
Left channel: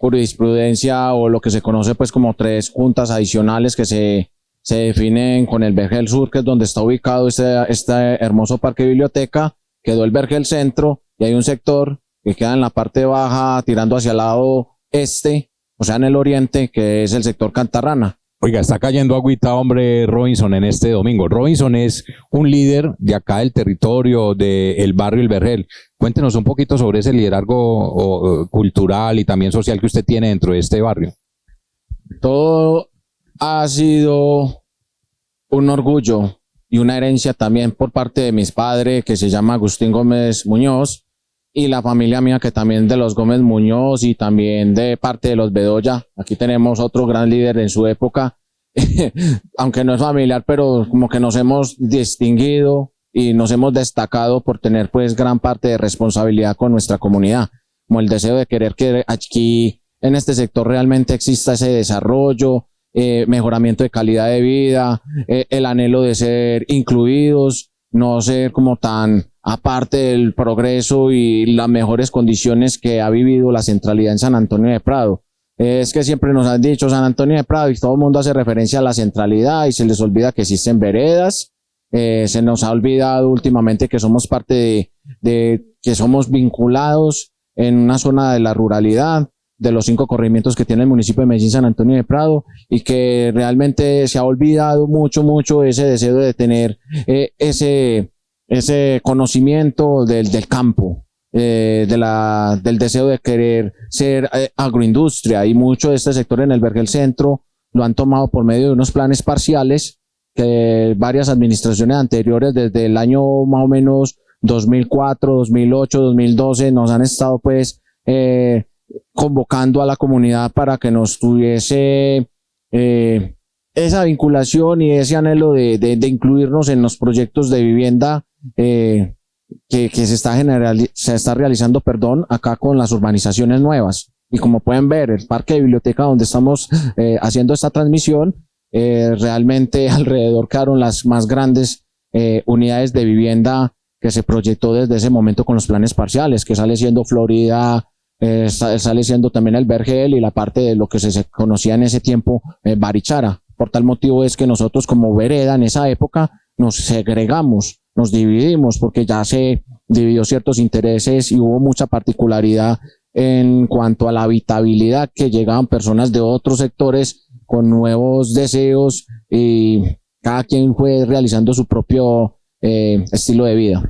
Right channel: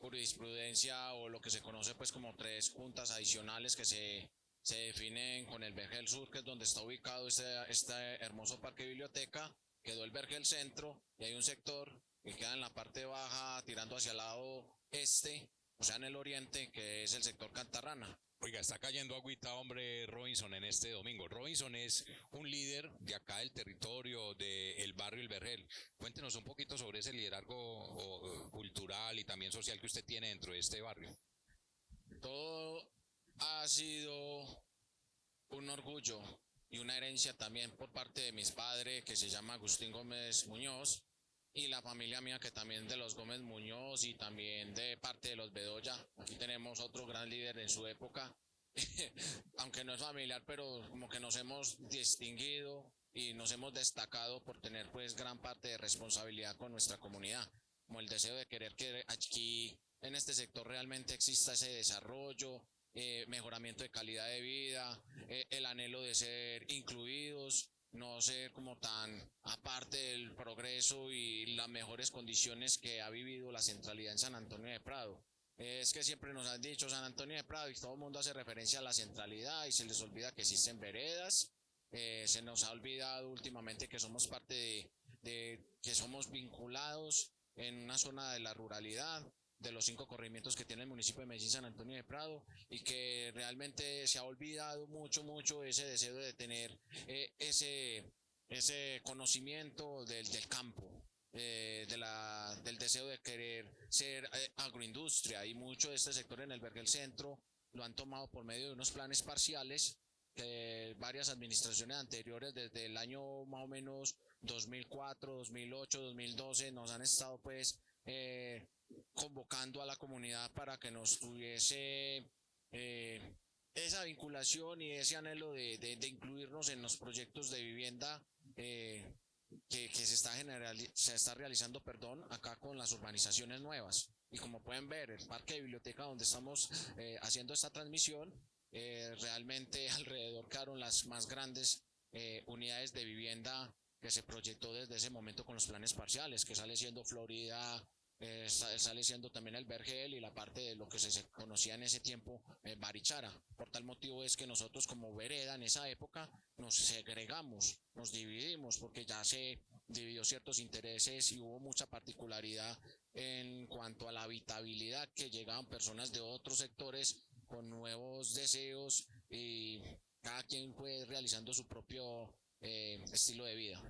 jurisprudencia o lo que se conoce pues como tres juntas adicionales que se definen con el Vergel Sur, que es donde está ubicado este hermoso parque biblioteca. Quedó el Vergel Centro y hay un sector que queda en la parte baja tirando hacia el lado este, o sea en el oriente, que es el sector Cantarrana. Oiga, está cayendo agüita, hombre, Robinson, en este domingo. Robinson es un líder de acá del territorio, del barrio El Vergel. Cuéntenos un poquito sobre ese liderazgo cultural y también social que usted tiene dentro de este barrio. Todo ha sido un orgullo y una herencia también por parte de mis padres, que se llama Agustín Gómez Muñoz, y la familia mía, que también de los Gómez Muñoz y también de parte de los Bedoya. Aquí tenemos otro gran líder en su época, aunque no es familiar, pero como que nos hemos distinguido y nos hemos destacado por tener pues gran parte de responsabilidad con nuestra comunidad, como el deseo de querer que aquí en este sector realmente exista ese desarrollo, mejoramiento de calidad de vida, el anhelo de ser incluidos, no ser como tan aparte del progreso y las mejores condiciones que ha vivido la centralidad en San Antonio de Prado. Es que siempre nos han dicho San Antonio de Prado y todo el mundo hace referencia a la centralidad y se les olvida que existen veredas. Se nos ha olvidado últimamente que somos parte de que somos vinculados en una zona de la ruralidad, de los 5 corregimientos que tiene el municipio de Medellín, San Antonio de Prado, y que realmente se ha olvidado mucho ese deseo de tener ese conocimiento del campo, del deseo de querer ser agroindustria, y mucho de este sector en el Vergel Centro lo han tomado por medio de unos planes parciales que varias administraciones anteriores, desde el año más o menos 2004, 2008, 2012, nos han estado pues convocando a la comunidad para que nos tuviese esa vinculación y ese anhelo de incluirnos en los proyectos de vivienda que se está realizando, acá con las urbanizaciones nuevas. Y como pueden ver, el parque de biblioteca donde estamos haciendo esta transmisión, realmente alrededor quedaron las más grandes unidades de vivienda que se proyectó desde ese momento con los planes parciales, que sale siendo Florida, sale siendo también el Vergel y la parte de lo que se conocía en ese tiempo Barichara. Por tal motivo es que nosotros como vereda en esa época nos segregamos, nos dividimos, porque ya se dividió ciertos intereses y hubo mucha particularidad en cuanto a la habitabilidad, que llegaban personas de otros sectores con nuevos deseos y cada quien fue realizando su propio estilo de vida.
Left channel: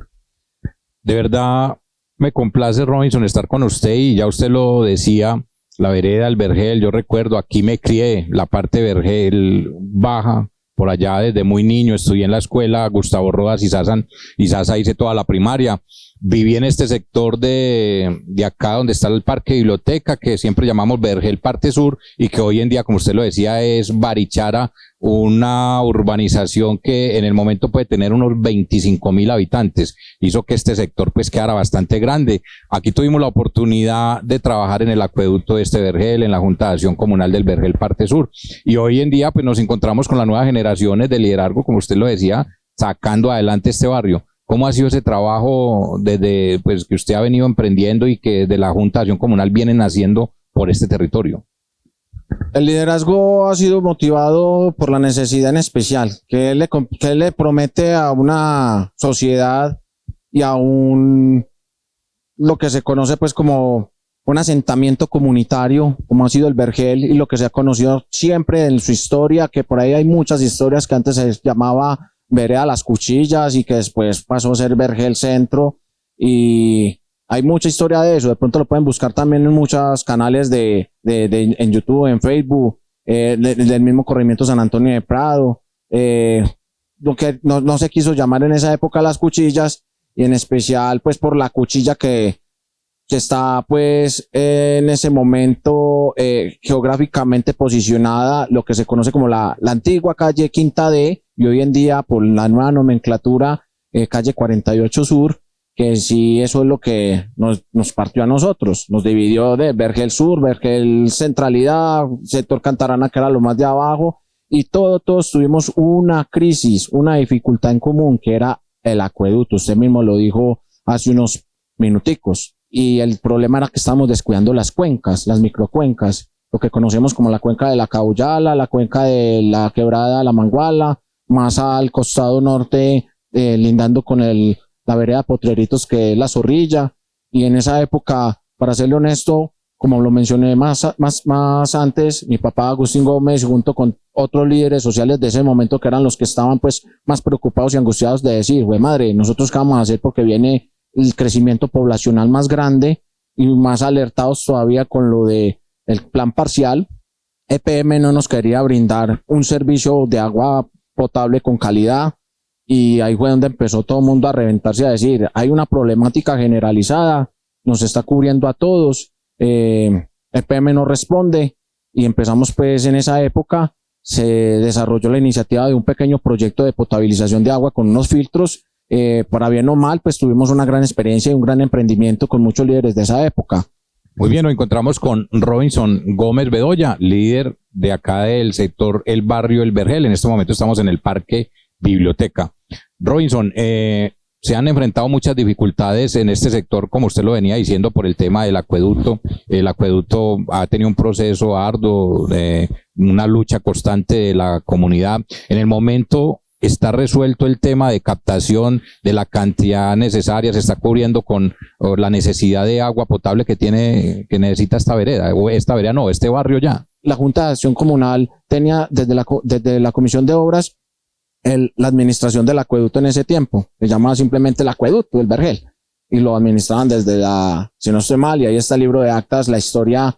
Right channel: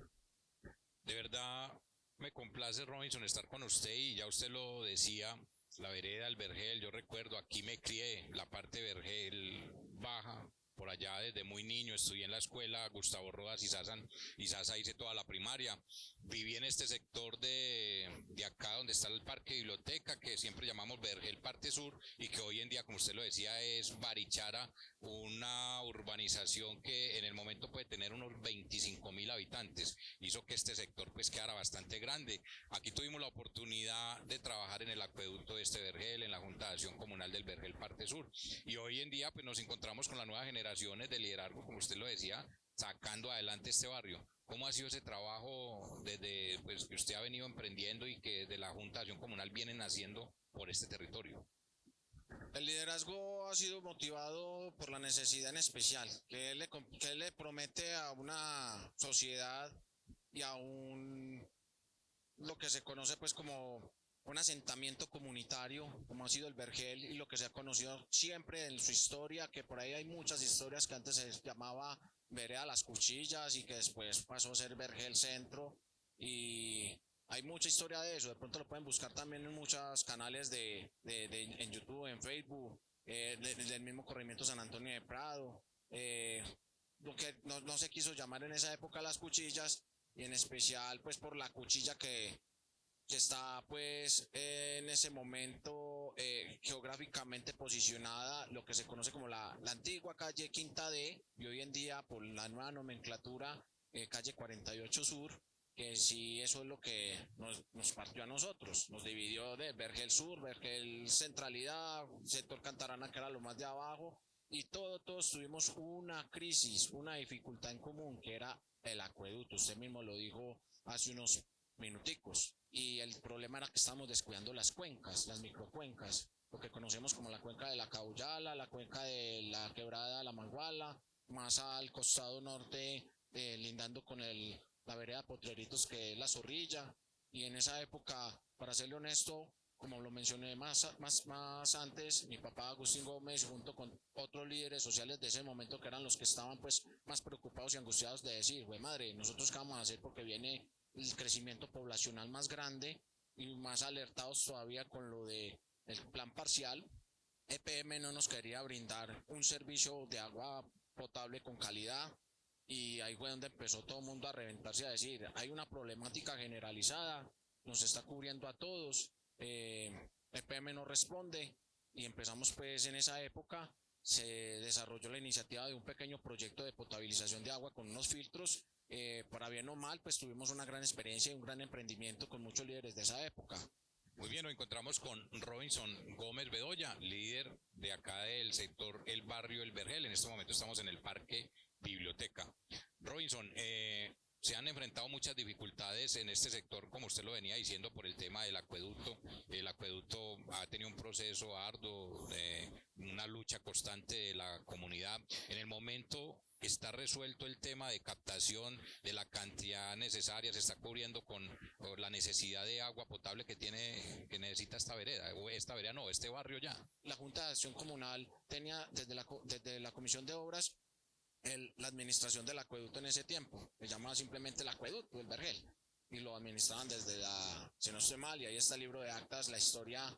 De verdad me complace, Robinson, estar con usted, y ya usted lo decía, la vereda del Vergel. Yo recuerdo, aquí me crié, la parte Vergel baja, por allá desde muy niño, estudié en la escuela Gustavo Rodas y Sasa, hice toda la primaria. Viví en este sector de acá donde está el parque biblioteca, que siempre llamamos Vergel Parte Sur, y que hoy en día, como usted lo decía, es Barichara, una urbanización que en el momento puede tener unos 25.000 habitantes. Hizo que este sector pues quedara bastante grande. Aquí tuvimos la oportunidad de trabajar en el acueducto de este Vergel, en la Junta de Acción Comunal del Vergel Parte Sur, y hoy en día pues nos encontramos con las nuevas generaciones de liderazgo, como usted lo decía, sacando adelante este barrio. ¿Cómo ha sido ese trabajo desde pues, que usted ha venido emprendiendo y que de la Junta de Acción Comunal vienen haciendo por este territorio? El liderazgo ha sido motivado por la necesidad en especial que él le promete a una sociedad y a lo que se conoce pues como un asentamiento comunitario, como ha sido el Vergel, y lo que se ha conocido siempre en su historia, que por ahí hay muchas historias, que antes se llamaba Vereda Las Cuchillas y que después pasó a ser Vergel Centro, y hay mucha historia de eso. De pronto lo pueden buscar también en muchos canales en YouTube, en Facebook, del mismo corregimiento San Antonio de Prado, lo que no se quiso llamar en esa época Las Cuchillas, y en especial pues por la cuchilla que que está pues en ese momento geográficamente posicionada lo que se conoce como la antigua calle Quinta D, y hoy en día por la nueva nomenclatura calle 48 Sur, que sí eso es lo que nos partió a nosotros, nos dividió de Vergel Sur, Vergel Centralidad, sector Cantarana, que era lo más de abajo, y todos tuvimos una crisis, una dificultad en común, que era el acueducto. Usted mismo lo dijo hace unos minuticos, y el problema era que estábamos descuidando las cuencas, las microcuencas, lo que conocemos como la cuenca de la Caullala, la cuenca de la quebrada La Manguala, más al costado norte, lindando con la vereda Potreritos, que es la Zorrilla. Y en esa época, para serle honesto, como lo mencioné más antes, mi papá Agustín Gómez, junto con otros líderes sociales de ese momento, que eran los que estaban pues más preocupados y angustiados de decir, güey madre, ¿nosotros qué vamos a hacer? Porque viene el crecimiento poblacional más grande, y más alertados todavía con lo de el plan parcial. EPM no nos quería brindar un servicio de agua potable con calidad, y ahí fue donde empezó todo el mundo a reventarse, a decir, hay una problemática generalizada, nos está cubriendo a todos, EPM no responde, y empezamos pues en esa época, se desarrolló la iniciativa de un pequeño proyecto de potabilización de agua con unos filtros. Para bien o mal, pues tuvimos una gran experiencia y un gran emprendimiento con muchos líderes de esa época. Muy bien, nos encontramos con Robinson Gómez Bedoya, líder de acá del sector El Barrio El Vergel. En este momento estamos en el Parque Biblioteca. Robinson, se han enfrentado muchas dificultades en este sector, como usted lo venía diciendo, por el tema del acueducto. El acueducto ha tenido un proceso arduo, una lucha constante de la comunidad. En el momento está resuelto el tema de captación de la cantidad necesaria, se está cubriendo con la necesidad de agua potable que necesita esta vereda, o este barrio ya. La Junta de Acción Comunal tenía desde la Comisión de Obras la administración del acueducto en ese tiempo, se llamaba simplemente el acueducto del Vergel, y lo administraban desde si no estoy mal, y ahí está el libro de actas, la historia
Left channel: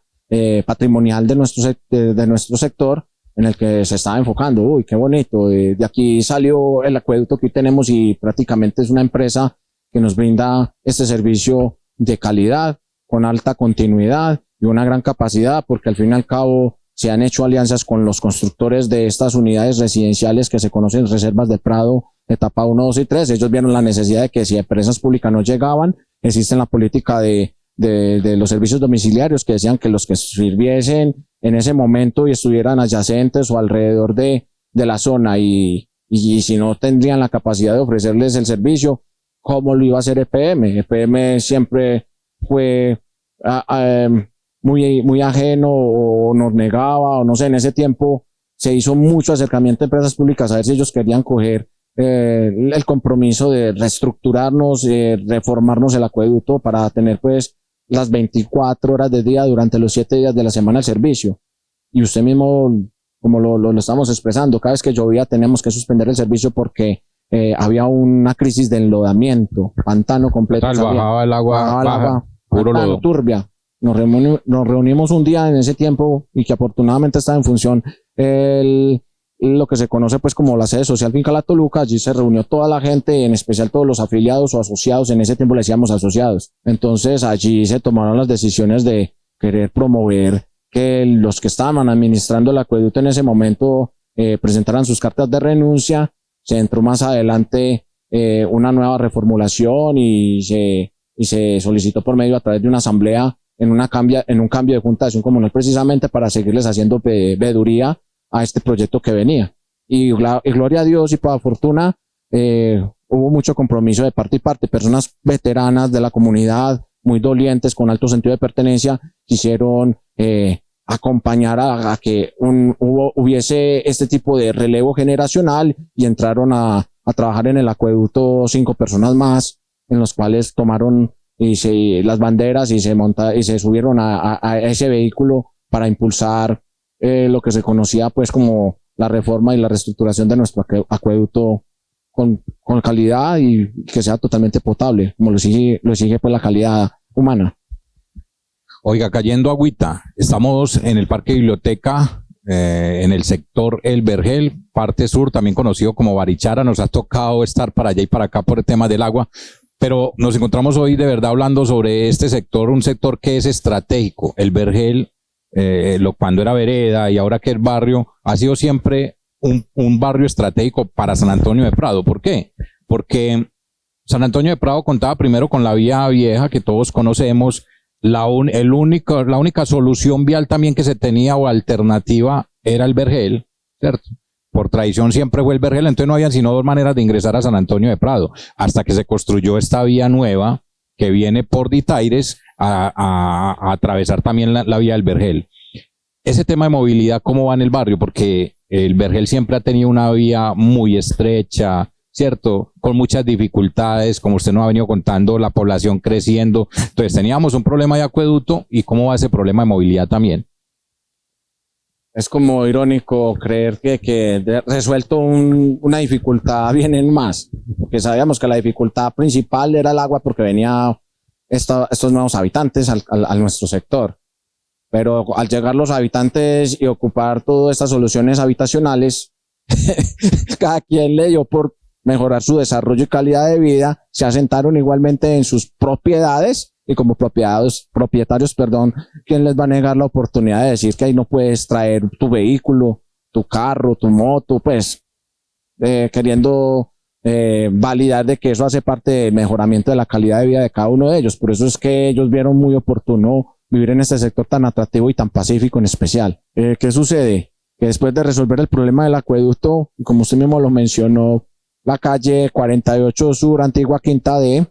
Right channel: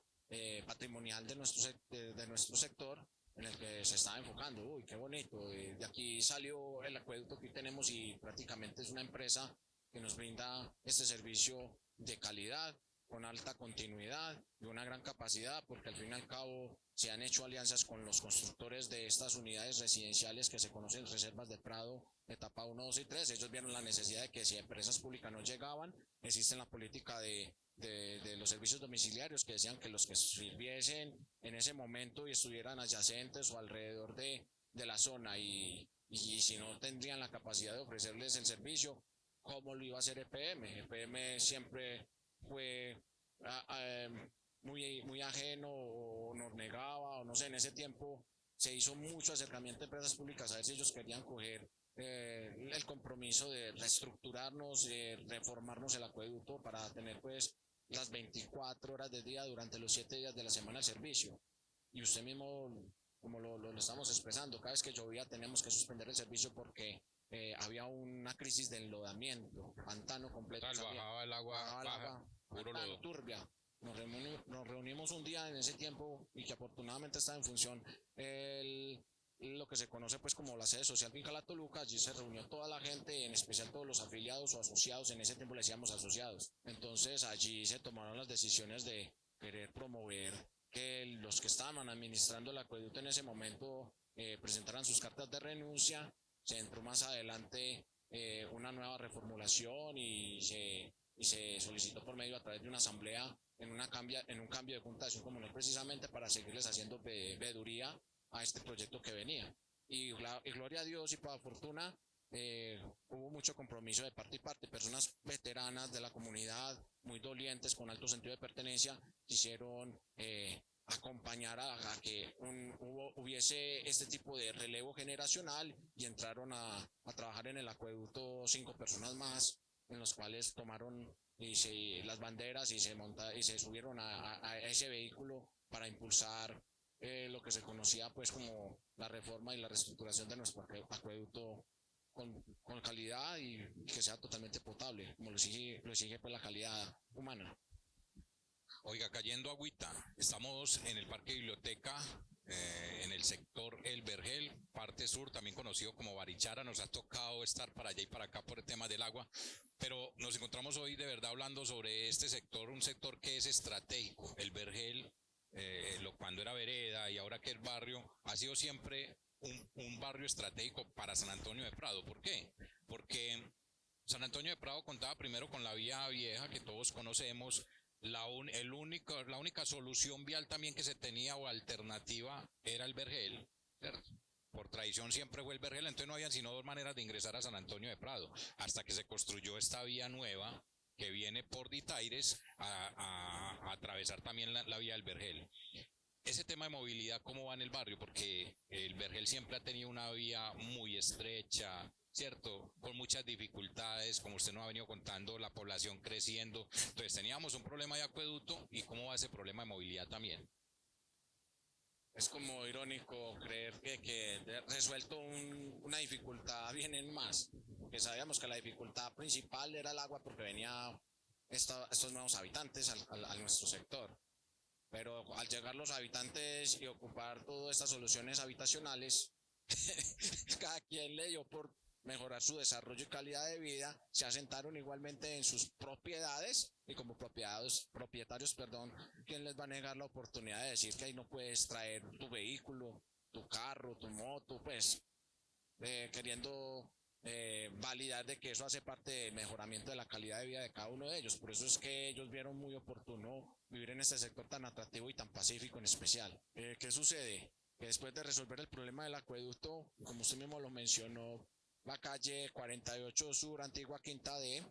patrimonial de nuestro sector, en el que se estaba enfocando. Uy, qué bonito, de aquí salió el acueducto que hoy tenemos, y prácticamente es una empresa que nos brinda este servicio de calidad, con alta continuidad y una gran capacidad, porque al fin y al cabo se han hecho alianzas con los constructores de estas unidades residenciales que se conocen Reservas del Prado, etapa 1, 2 y 3. Ellos vieron la necesidad de que si empresas públicas no llegaban, existe la política de los servicios domiciliarios, que decían que los que sirviesen en ese momento y estuvieran adyacentes o alrededor de la zona, y si no tendrían la capacidad de ofrecerles el servicio, ¿cómo lo iba a hacer EPM? EPM siempre fue muy ajeno, o nos negaba, o no sé. En ese tiempo se hizo mucho acercamiento a empresas públicas a ver si ellos querían coger el compromiso de reestructurarnos, reformarnos el acueducto para tener pues las 24 horas del día durante los 7 días de la semana el servicio. Y usted mismo, como lo estamos expresando, cada vez que llovía teníamos que suspender el servicio porque había una crisis de enlodamiento, pantano completo. Bajaba el agua, puro lodo. Turbia. Nos reunimos un día en ese tiempo, y que afortunadamente estaba en función lo que se conoce pues como la sede social Finca La Toluca. Allí se reunió toda la gente, en especial todos los afiliados o asociados. En ese tiempo le decíamos asociados. Entonces allí se tomaron las decisiones de querer promover que los que estaban administrando el acueducto en ese momento presentaran sus cartas de renuncia. Se entró más adelante una nueva reformulación, y se solicitó por medio a través de una asamblea en un cambio de Junta de Acción Comunal, precisamente para seguirles haciendo veeduría a este proyecto que venía. Y gloria a Dios, y por fortuna hubo mucho compromiso de parte y parte. Personas veteranas de la comunidad, muy dolientes, con alto sentido de pertenencia, quisieron acompañar a que hubiese este tipo de relevo generacional, y entraron a trabajar en el acueducto 5 personas más, en los cuales tomaron las banderas y se subieron a ese vehículo para impulsar lo que se conocía pues como la reforma y la reestructuración de nuestro acueducto con calidad, y que sea totalmente potable, como lo exige pues la calidad humana. Oiga, cayendo agüita, estamos en el Parque Biblioteca, en el sector El Vergel, parte sur, también conocido como Barichara. Nos ha tocado estar para allá y para acá por el tema del agua. Pero nos encontramos hoy de verdad hablando sobre este sector, un sector que es estratégico. El Vergel, cuando era vereda y ahora que es barrio, ha sido siempre un barrio estratégico para San Antonio de Prado. ¿Por qué? Porque San Antonio de Prado contaba primero con la vía vieja que todos conocemos. La única solución vial también que se tenía o alternativa era el Vergel, ¿cierto? Por tradición siempre fue el Vergel, entonces no había sino dos maneras de ingresar a San Antonio de Prado, hasta que se construyó esta vía nueva que viene por Ditaires a atravesar también la vía del Vergel. Ese tema de movilidad, ¿cómo va en el barrio? Porque el Vergel siempre ha tenido una vía muy estrecha, ¿cierto? Con muchas dificultades, como usted nos ha venido contando, la población creciendo. Entonces teníamos un problema de acueducto, ¿y cómo va ese problema de movilidad también? Es como irónico creer que resuelto una dificultad vienen más, porque sabíamos que la dificultad principal era el agua porque venía estos nuevos habitantes a nuestro sector. Pero al llegar los habitantes y ocupar todas estas soluciones habitacionales, cada quien le dio por mejorar su desarrollo y calidad de vida, se asentaron igualmente en sus propiedades y como propietarios, ¿quién les va a negar la oportunidad de decir que ahí no puedes traer tu vehículo, tu carro, tu moto, pues queriendo validar de que eso hace parte del mejoramiento de la calidad de vida de cada uno de ellos? Por eso es que ellos vieron muy oportuno vivir en este sector tan atractivo y tan pacífico en especial. ¿Qué sucede? Que después de resolver el problema del acueducto, como usted mismo lo mencionó, la calle 48 Sur, antigua Quinta D,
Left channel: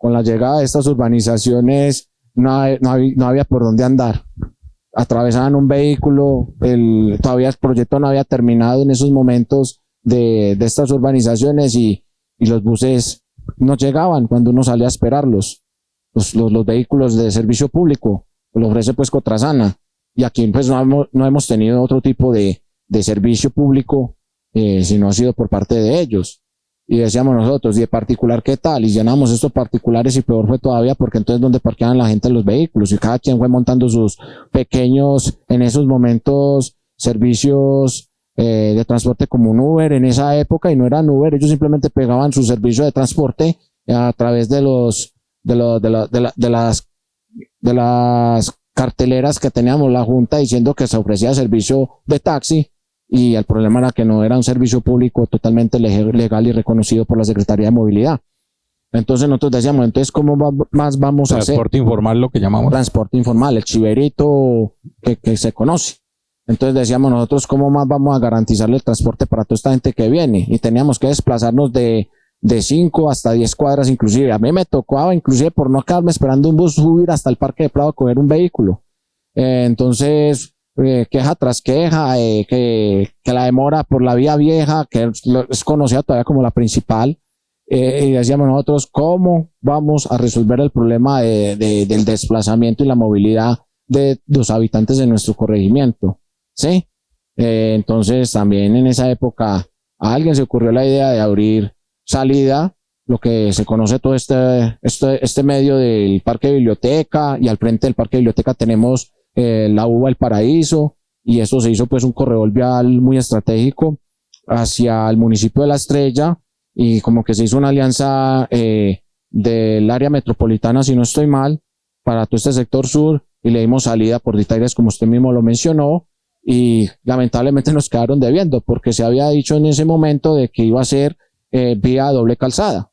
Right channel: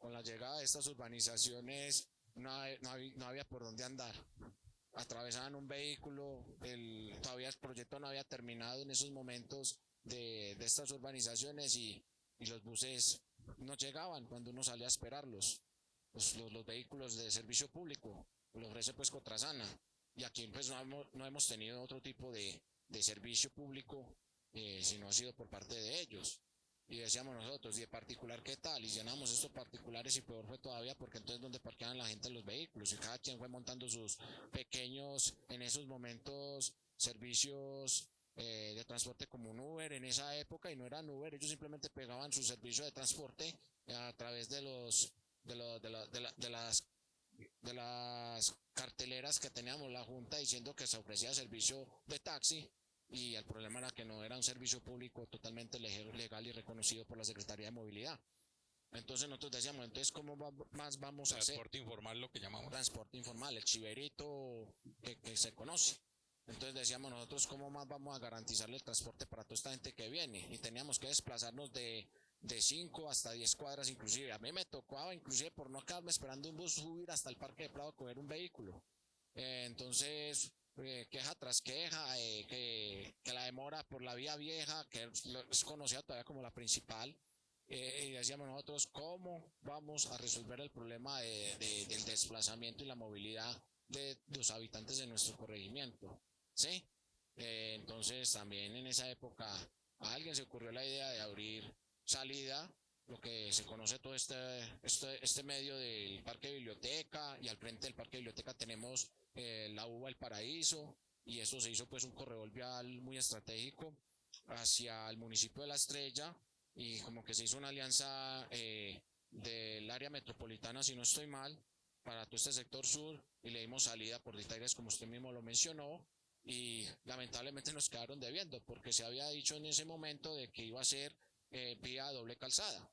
con la llegada de estas urbanizaciones no había por dónde andar. Atravesaban un vehículo, todavía el proyecto no había terminado en esos momentos de estas urbanizaciones y los buses no llegaban cuando uno salía a esperarlos. Los vehículos de servicio público lo ofrece pues Cotrasana, y aquí pues no hemos tenido otro tipo de servicio público, sino ha sido por parte de ellos. Y decíamos nosotros, ¿y de particular qué tal? Y llenamos estos particulares y peor fue todavía, porque entonces ¿dónde parqueaban la gente los vehículos? Y cada quien fue montando sus pequeños, en esos momentos, servicios de transporte como un Uber en esa época, y no eran Uber, ellos simplemente pegaban su servicio de transporte a través de las carteleras que teníamos la Junta diciendo que se ofrecía servicio de taxi, y el problema era que no era un servicio público totalmente legal y reconocido por la Secretaría de Movilidad. Entonces nosotros decíamos, entonces ¿cómo más vamos a hacer? Transporte informal, lo que llamamos. Transporte informal, el chiverito que se conoce. Entonces decíamos nosotros, ¿cómo más vamos a garantizarle el transporte para toda esta gente que viene? Y teníamos que desplazarnos de 5 hasta 10 cuadras inclusive. A mí me tocaba inclusive, por no quedarme esperando un bus, subir hasta el Parque de Prado a coger un vehículo. Entonces queja tras queja, que la demora por la vía vieja, que es conocida todavía como la principal, y decíamos nosotros, ¿cómo vamos a resolver el problema del desplazamiento y la movilidad de los habitantes de nuestro corregimiento? ¿Sí? Entonces también en esa época a alguien se ocurrió la idea de abrir salida, lo que se conoce todo este medio del Parque Biblioteca, y al frente del Parque Biblioteca tenemos la UBA El Paraíso, y esto se hizo pues un corredor vial muy estratégico hacia el municipio de La Estrella, y como que se hizo una alianza del área metropolitana, si no estoy mal, para todo este sector sur, y le dimos salida por Ditaires, como usted mismo lo mencionó, y lamentablemente nos quedaron debiendo, porque se había dicho en ese momento de que iba a ser vía doble calzada.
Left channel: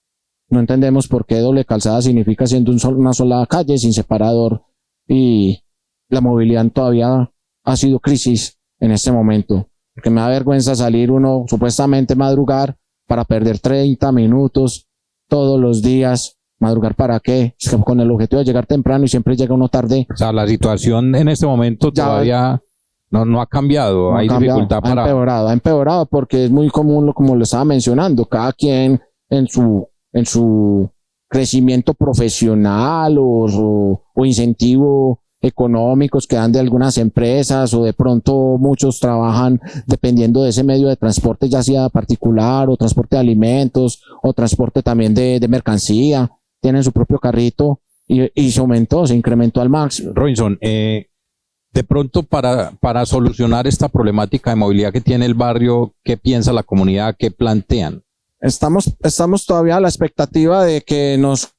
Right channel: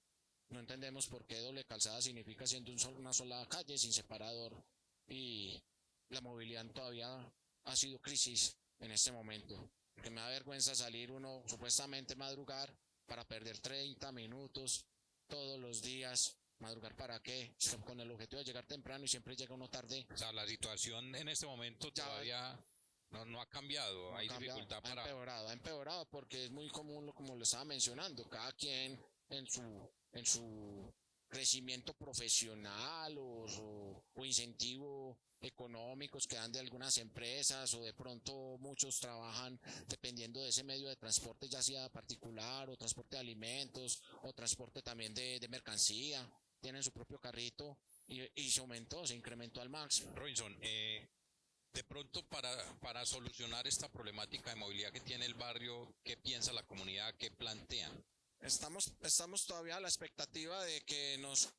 No entendemos por qué doble calzada significa siendo una sola calle sin separador, y la movilidad todavía ha sido crisis en este momento, porque me da vergüenza salir uno supuestamente madrugar para perder 30 minutos todos los días. ¿Madrugar para qué? Con el objetivo de llegar temprano y siempre llega uno tarde. O sea, la situación en este momento todavía no ha cambiado, no hay dificultad para... Ha empeorado porque es muy común, como lo estaba mencionando, cada quien en su crecimiento profesional o incentivo económicos que dan de algunas empresas, o de pronto muchos trabajan dependiendo de ese medio de transporte, ya sea particular o transporte de alimentos o transporte también de mercancía, tienen su propio carrito y se incrementó al máximo. Robinson, de pronto para solucionar esta problemática de movilidad que tiene el barrio, ¿qué piensa la comunidad? ¿Qué plantean? Estamos todavía a la expectativa de que nos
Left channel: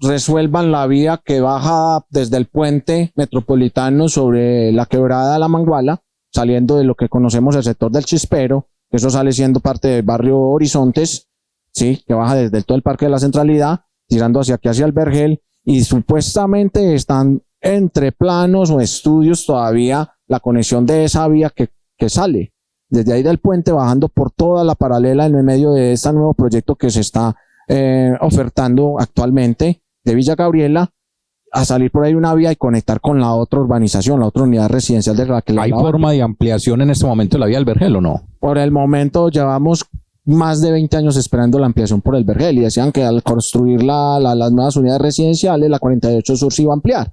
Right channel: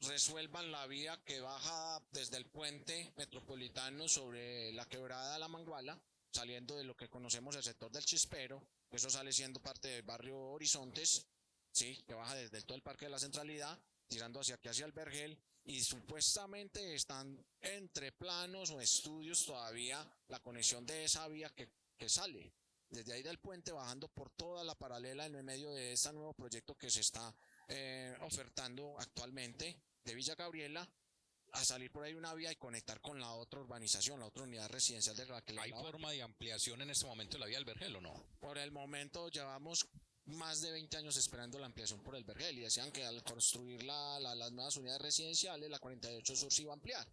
resuelvan la vía que baja desde el puente metropolitano sobre la quebrada de La Manguala, saliendo de lo que conocemos el sector del Chispero, que eso sale siendo parte del barrio Horizontes, sí, que baja desde todo el Parque de la Centralidad, tirando hacia aquí, hacia el Vergel, y supuestamente están entre planos o estudios todavía la conexión de esa vía que sale desde ahí del puente, bajando por toda la paralela en el medio de este nuevo proyecto que se está ofertando actualmente de Villa Gabriela, a salir por ahí una vía y conectar con la otra urbanización, la otra unidad residencial de Raquel. ¿Hay forma de ampliación en este momento de la vía del Vergel o no? Por el momento llevamos más de 20 años esperando la ampliación por el Vergel, y decían que al construir las nuevas unidades residenciales, la 48 Sur se iba a ampliar.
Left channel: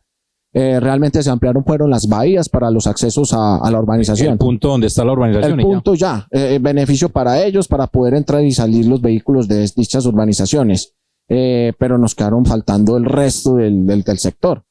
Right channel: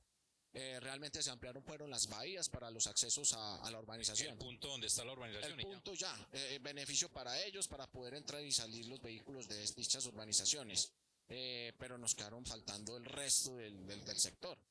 Realmente se ampliaron fueron las bahías para los accesos a la urbanización. El punto donde está la urbanización. El punto ya, beneficio para ellos, para poder entrar y salir los vehículos de dichas urbanizaciones. Pero nos quedaron faltando el resto del sector,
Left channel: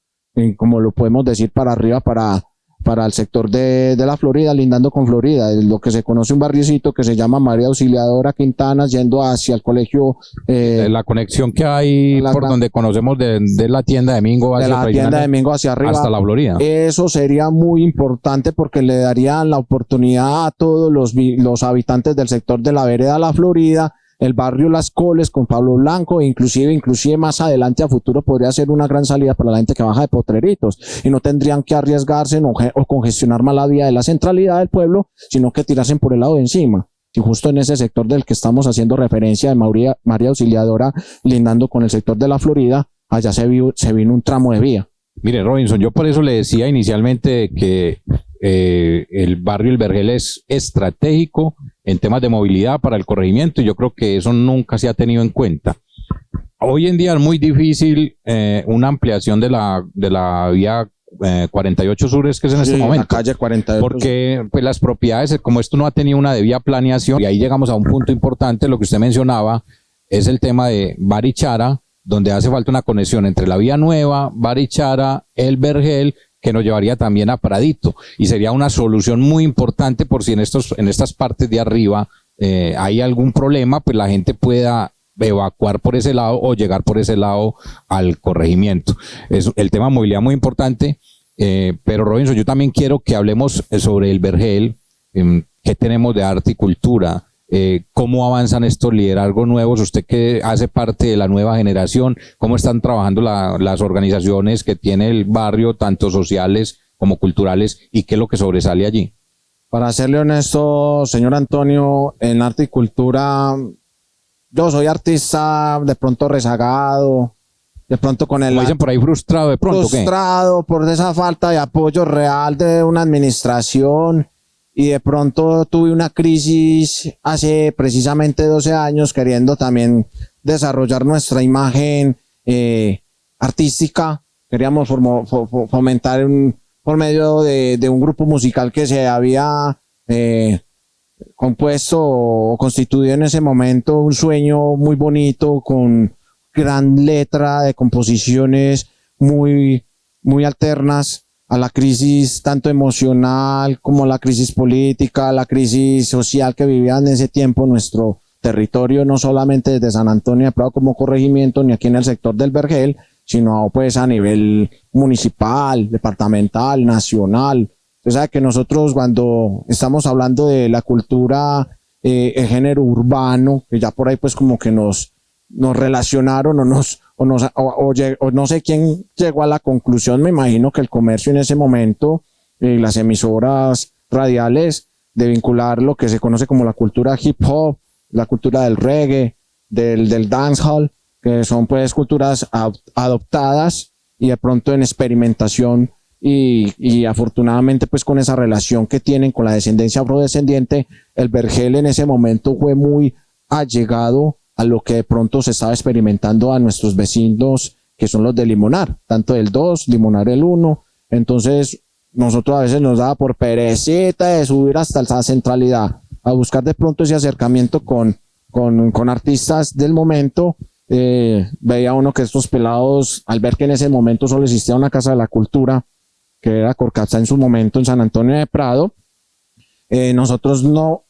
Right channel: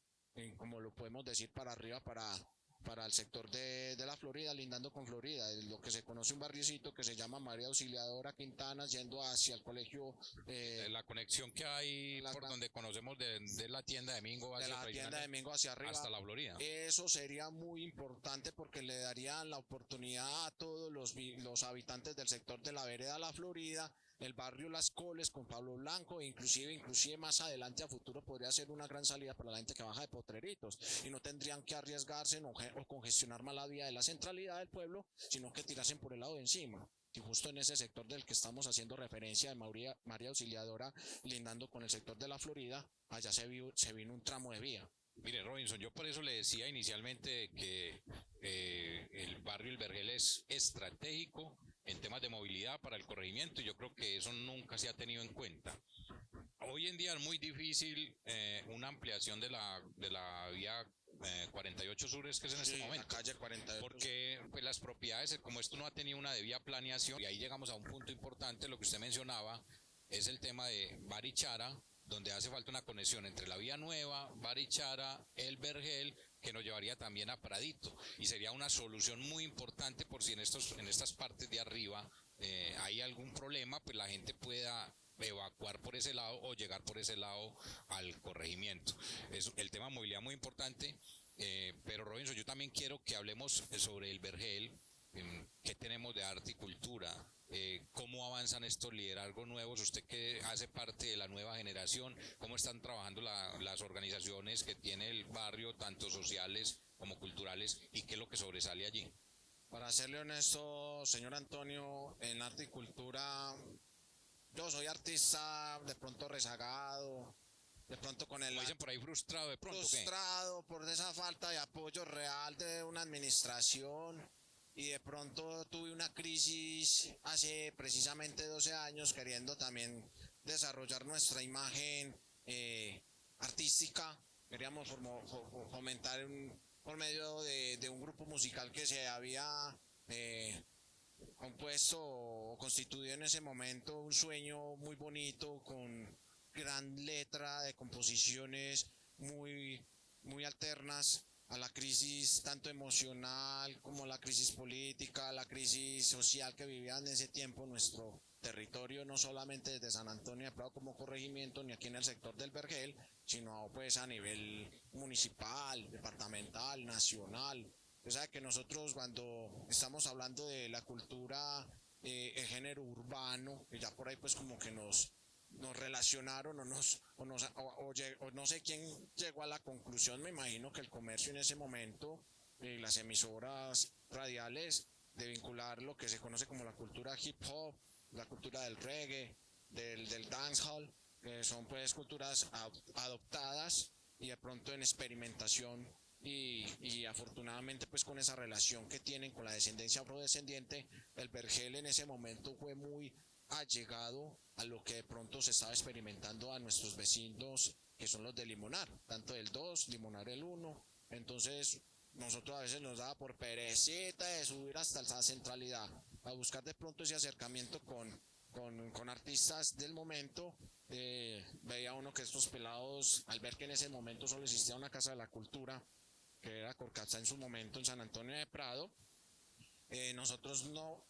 como lo podemos decir para arriba, para el sector de la Florida, lindando con Florida, lo que se conoce un barriocito que se llama María Auxiliadora Quintanas, yendo hacia el colegio. La conexión que hay por donde conocemos de la tienda de Mingo hacia arriba, hasta la Florida. Eso sería muy importante porque le darían la oportunidad a todos los habitantes del sector de la vereda La Florida, el barrio Las Coles con Pablo Blanco, inclusive más adelante a futuro podría ser una gran salida para la gente que baja de Potreritos, y no tendrían que arriesgarse o congestionar más la vía de la centralidad del pueblo, sino que tirarse por el lado de encima. Y justo en ese sector del que estamos haciendo referencia de María Auxiliadora, lindando con el sector de la Florida, allá se vino un tramo de vía. Mire, Robinson, yo por eso le decía inicialmente que el barrio El Vergel es estratégico en temas de movilidad para el corregimiento, y yo creo que eso nunca se ha tenido en cuenta. Hoy en día es muy difícil una ampliación de la vía 48 Sur, es que es en este momento. La calle 48. Porque pues, las propiedades, como esto no ha tenido una debida planeación, y ahí llegamos a un punto importante, lo que usted mencionaba, es el tema de Barichara, donde hace falta una conexión entre la vía nueva, Barichara, El Vergel, que nos llevaría también a Pradito, y sería una solución muy importante por si en estas partes de arriba hay algún problema, pues la gente pueda evacuar por ese lado o llegar por ese lado al corregimiento. Es el tema de movilidad muy importante, pero Robinson, yo también quiero que hablemos sobre El Vergel, qué tenemos de arte y cultura, cómo avanzan estos liderazgos nuevos, usted que hace parte de la nueva generación, cómo están trabajando las organizaciones que tiene el barrio, tanto sociales como culturales, y qué es lo que sobresale allí. Para serle honesto, señor Antonio, en arte y cultura, yo soy artista de pronto rezagado, de pronto con el... Como dicen por ahí, frustrado de pronto. Frustrado por esa falta de apoyo real de una administración. Y de pronto tuve una crisis hace precisamente 12 años queriendo también desarrollar nuestra imagen artística. Queríamos fomentar por medio de un grupo musical que se había compuesto o constituido en ese momento, un sueño muy bonito con gran letra de composiciones muy, muy alternas a la crisis tanto emocional como la crisis política, la crisis social que vivía en ese tiempo nuestro territorio, no solamente desde San Antonio de Prado como corregimiento, ni aquí en el sector del Vergel, sino pues a nivel municipal, departamental, nacional. Usted sabe que nosotros cuando estamos hablando de la cultura, el género urbano, que ya por ahí pues como que nos relacionaron o no sé quién llegó a la conclusión, me imagino que el comercio en ese momento, las emisoras radiales, de vincular lo que se conoce como la cultura hip hop, la cultura del reggae, del dancehall, que son pues culturas adoptadas y de pronto en experimentación, y afortunadamente pues con esa relación que tienen con la descendencia afrodescendiente, el Vergel en ese momento fue muy allegado a lo que de pronto se estaba experimentando a nuestros vecinos, que son los de Limonar, tanto el 2, Limonar el 1. Entonces, nosotros a veces nos daba por perecita de subir hasta la centralidad, a buscar de pronto ese acercamiento con artistas del momento. Veía uno que estos pelados, al ver que en ese momento solo existía una casa de la cultura, que era Corcatza en su momento en San Antonio de Prado, nosotros no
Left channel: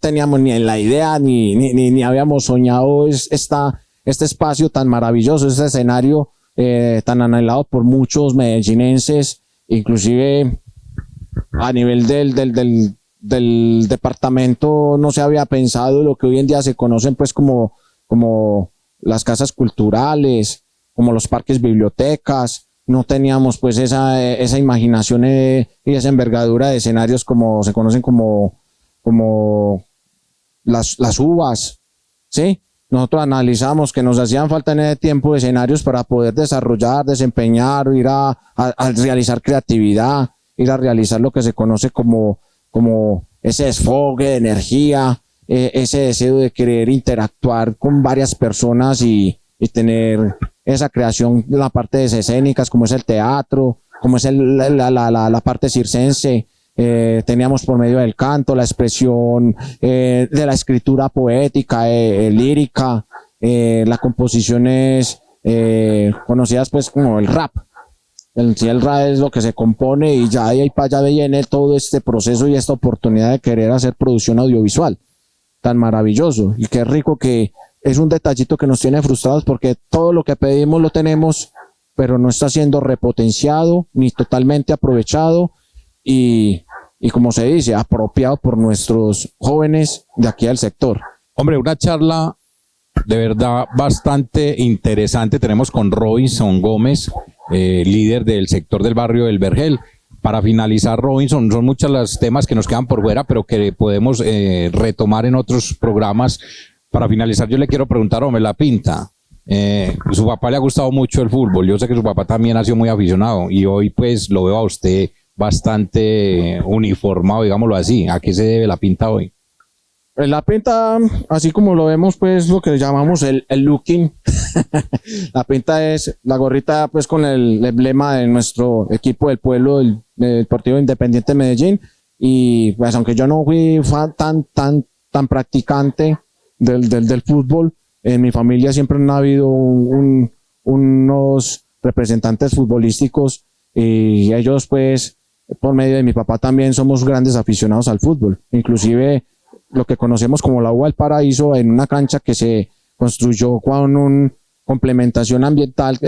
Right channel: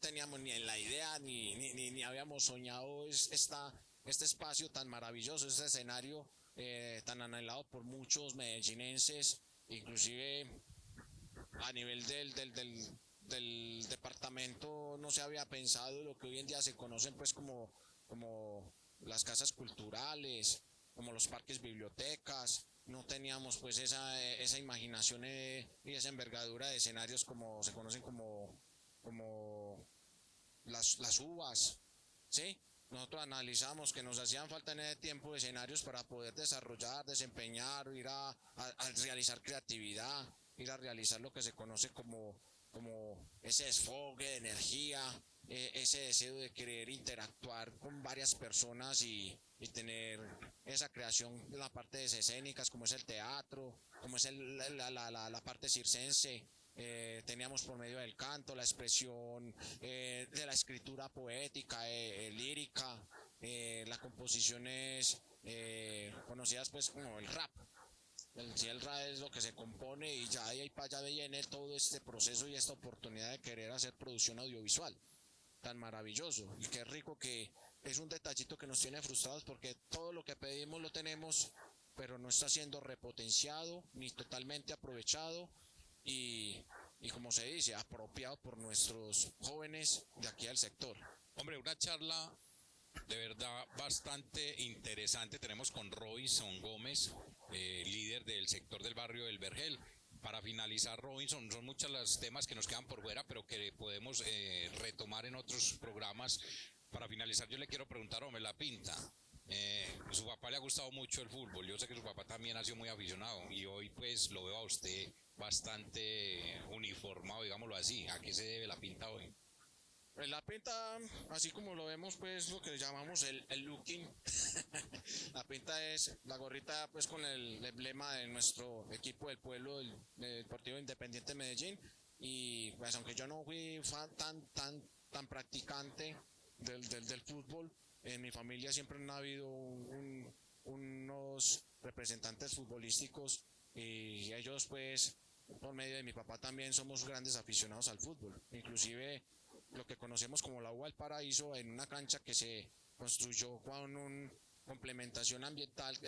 teníamos ni en la idea ni habíamos soñado este espacio tan maravilloso, este escenario tan anhelado por muchos medellinenses, inclusive a nivel del departamento no se había pensado lo que hoy en día se conocen pues como las casas culturales, como los parques bibliotecas. No teníamos pues esa imaginación y esa envergadura de escenarios como se conocen como las uvas, ¿sí? Nosotros analizamos que nos hacían falta en ese tiempo escenarios para poder desarrollar, desempeñar, ir a realizar creatividad, ir a realizar lo que se conoce como ese desfogue de energía, ese deseo de querer interactuar con varias personas y tener esa creación de la parte de escénicas, como es el teatro, como es la parte circense. Teníamos por medio del canto, la expresión de la escritura poética, lírica, las composiciones conocidas pues como el rap. El rap es lo que se compone y ya de ahí para allá viene todo este proceso y esta oportunidad de querer hacer producción audiovisual tan maravilloso. Y qué rico que es un detallito que nos tiene frustrados porque todo lo que pedimos lo tenemos, pero no está siendo repotenciado ni totalmente aprovechado y como se dice, apropiado por nuestros jóvenes de aquí del sector. Hombre, una charla de verdad bastante interesante tenemos con Robinson Gómez, líder del sector del barrio del Vergel. Para finalizar, Robinson, son muchos los temas que nos quedan por fuera, pero que podemos retomar en otros programas. Para finalizar, yo le quiero preguntar a La Pinta. Su papá le ha gustado mucho el fútbol. Yo sé que su papá también ha sido muy aficionado y hoy pues lo veo a usted bastante uniformado, digámoslo así. ¿A qué se debe La Pinta hoy? La pinta, así como lo vemos, pues lo que llamamos el looking. La pinta es la gorrita pues con el emblema de nuestro equipo del pueblo, del Deportivo Independiente de Medellín. Y pues aunque yo no fui tan practicante del fútbol, en mi familia siempre han habido unos representantes futbolísticos y ellos pues por medio de mi papá también somos grandes aficionados al fútbol. Inclusive lo que conocemos como la UBA del Paraíso, en una cancha que se construyó con una complementación ambiental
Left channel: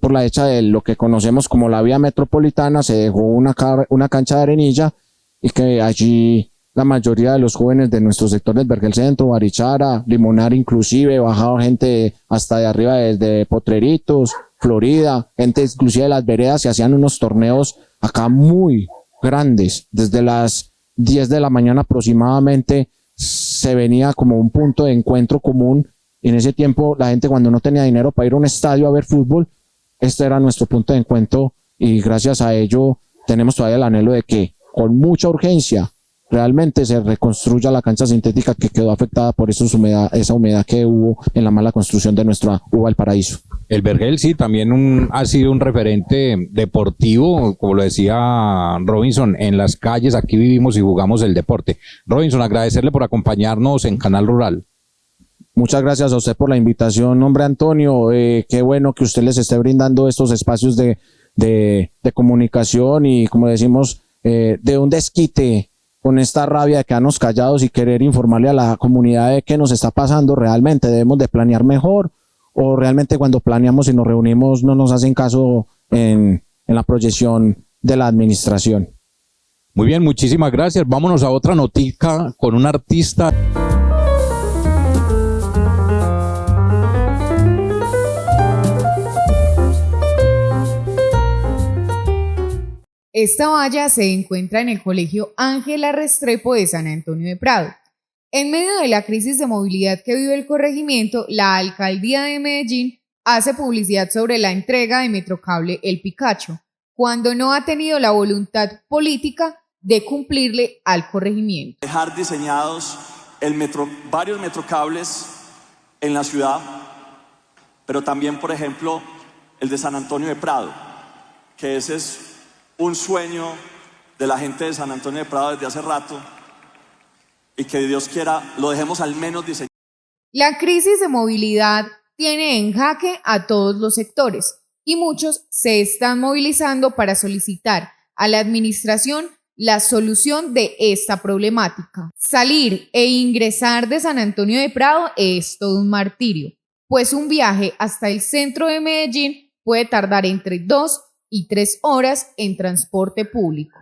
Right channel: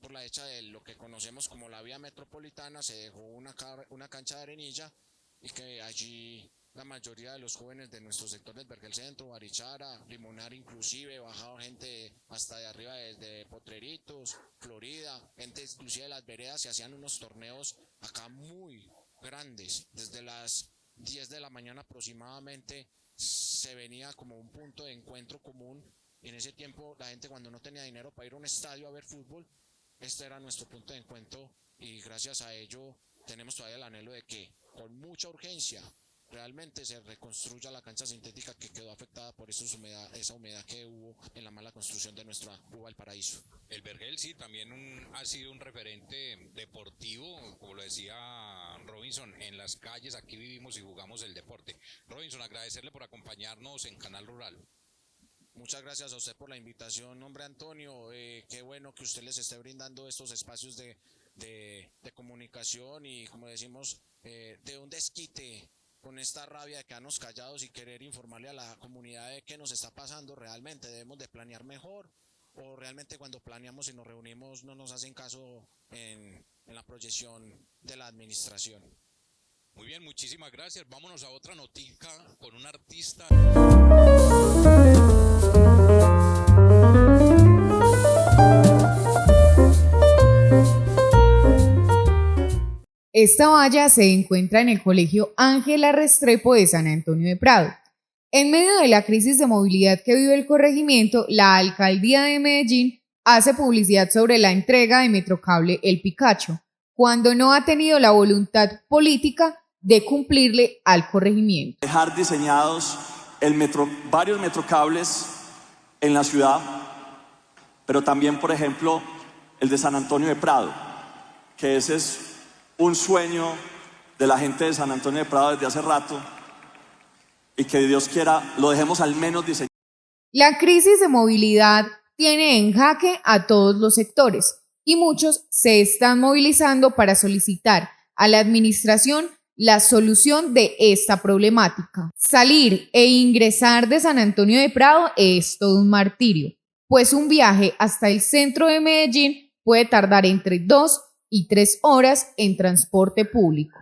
por la hecha de lo que conocemos como la vía metropolitana, se dejó una cancha de arenilla y que allí la mayoría de los jóvenes de nuestro sector del Vergel Centro, Barichara, Limonar inclusive, bajaba gente hasta de arriba desde Potreritos, Florida, gente inclusive de las veredas, se hacían unos torneos acá muy grandes, desde las 10 de la mañana aproximadamente se venía como un punto de encuentro común. Y en ese tiempo la gente cuando no tenía dinero para ir a un estadio a ver fútbol, este era nuestro punto de encuentro y gracias a ello tenemos todavía el anhelo de que con mucha urgencia realmente se reconstruya la cancha sintética que quedó afectada por esa humedad que hubo en la mala construcción de nuestra UBA del Paraíso. El Vergel sí, también ha sido un referente deportivo, como lo decía Robinson, en las calles, aquí vivimos y jugamos el deporte. Robinson, agradecerle por acompañarnos en Canal Rural. Muchas gracias a usted por la invitación, hombre Antonio, qué bueno que usted les esté brindando estos espacios de comunicación y como decimos, de un desquite con esta rabia de quedarnos callados y querer informarle a la comunidad de qué nos está pasando realmente, debemos de planear mejor o realmente cuando planeamos y nos reunimos no nos hacen caso en la proyección de la administración. Muy bien, muchísimas gracias. Vámonos a otra notica con un artista. Esta valla se encuentra en el Colegio Ángela Restrepo de San Antonio de Prado. En medio de la crisis de movilidad que vive el corregimiento, la Alcaldía de Medellín hace publicidad sobre la entrega de Metrocable El Picacho, cuando no ha tenido la voluntad política de cumplirle al corregimiento. Dejar diseñados varios metrocables en la ciudad, pero también, por ejemplo, el de San Antonio de Prado, que ese es un sueño de la gente de San Antonio de Prado desde hace rato y que Dios quiera lo dejemos al menos diseñado. La crisis de movilidad tiene en jaque a todos los sectores y muchos se están movilizando para solicitar a la administración la solución de esta problemática. Salir e ingresar de San Antonio de Prado es todo un martirio, pues un viaje hasta el centro de Medellín puede tardar entre 2 y 3 horas en transporte público.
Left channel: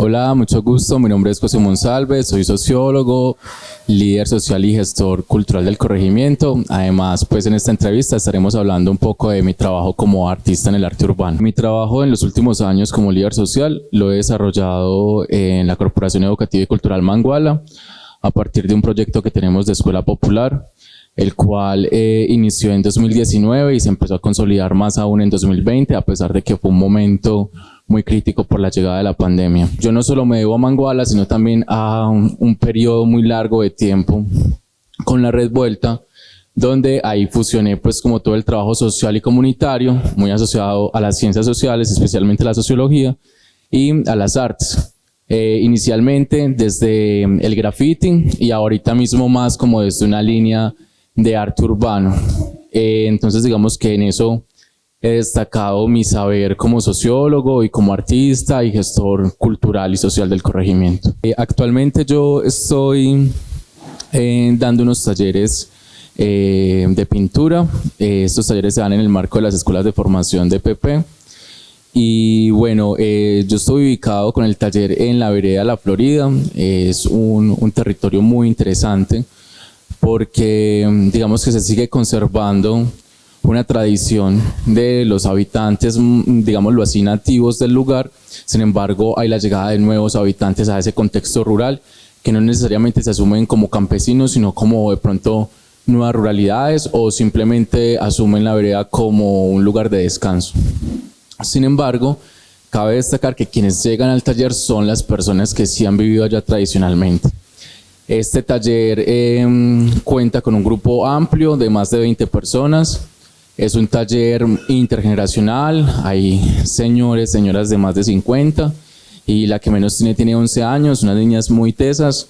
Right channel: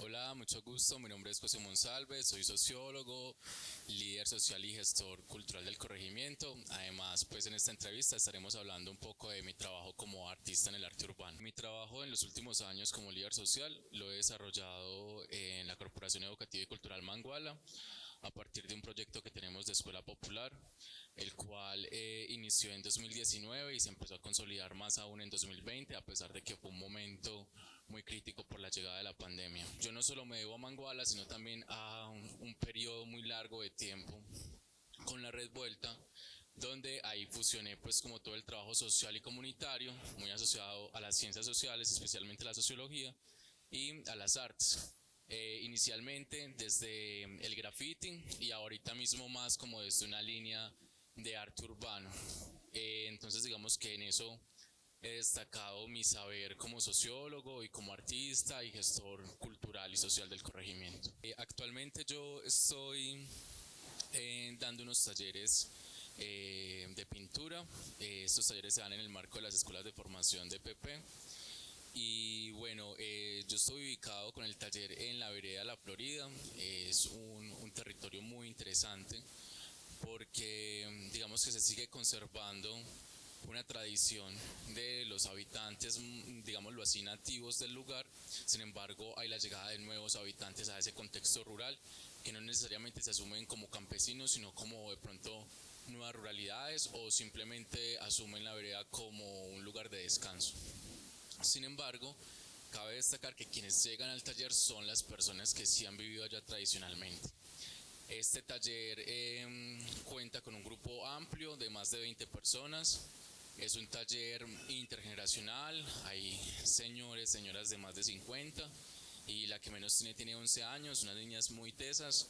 Hola, mucho gusto. Mi nombre es José Monsalve, soy sociólogo, líder social y gestor cultural del corregimiento. Además, pues en esta entrevista estaremos hablando un poco de mi trabajo como artista en el arte urbano. Mi trabajo en los últimos años como líder social lo he desarrollado en la Corporación Educativa y Cultural Manguala a partir de un proyecto que tenemos de Escuela Popular, el cual inició en 2019 y se empezó a consolidar más aún en 2020, a pesar de que fue un momento muy crítico por la llegada de la pandemia. Yo no solo me debo a Manguala, sino también a un periodo muy largo de tiempo con la Red Vuelta, donde ahí fusioné pues como todo el trabajo social y comunitario, muy asociado a las ciencias sociales, especialmente la sociología, y a las artes. Inicialmente desde el graffiti y ahorita mismo más como desde una línea de arte urbano. Entonces digamos que en eso he destacado mi saber como sociólogo y como artista y gestor cultural y social del corregimiento. Actualmente yo estoy dando unos talleres de pintura. Estos talleres se dan en el marco de las escuelas de formación de PP. Y bueno, yo estoy ubicado con el taller en la vereda La Florida. Es un territorio muy interesante porque digamos que se sigue conservando una tradición de los habitantes, digámoslo así, nativos del lugar. Sin embargo, hay la llegada de nuevos habitantes a ese contexto rural que no necesariamente se asumen como campesinos, sino como de pronto nuevas ruralidades o simplemente asumen la vereda como un lugar de descanso. Sin embargo, cabe destacar que quienes llegan al taller son las personas que sí han vivido allá tradicionalmente. Este taller cuenta con un grupo amplio de más de 20 personas. Es un taller intergeneracional, hay señores, señoras de más de 50 y la que menos tiene 11 años, unas niñas muy tesas.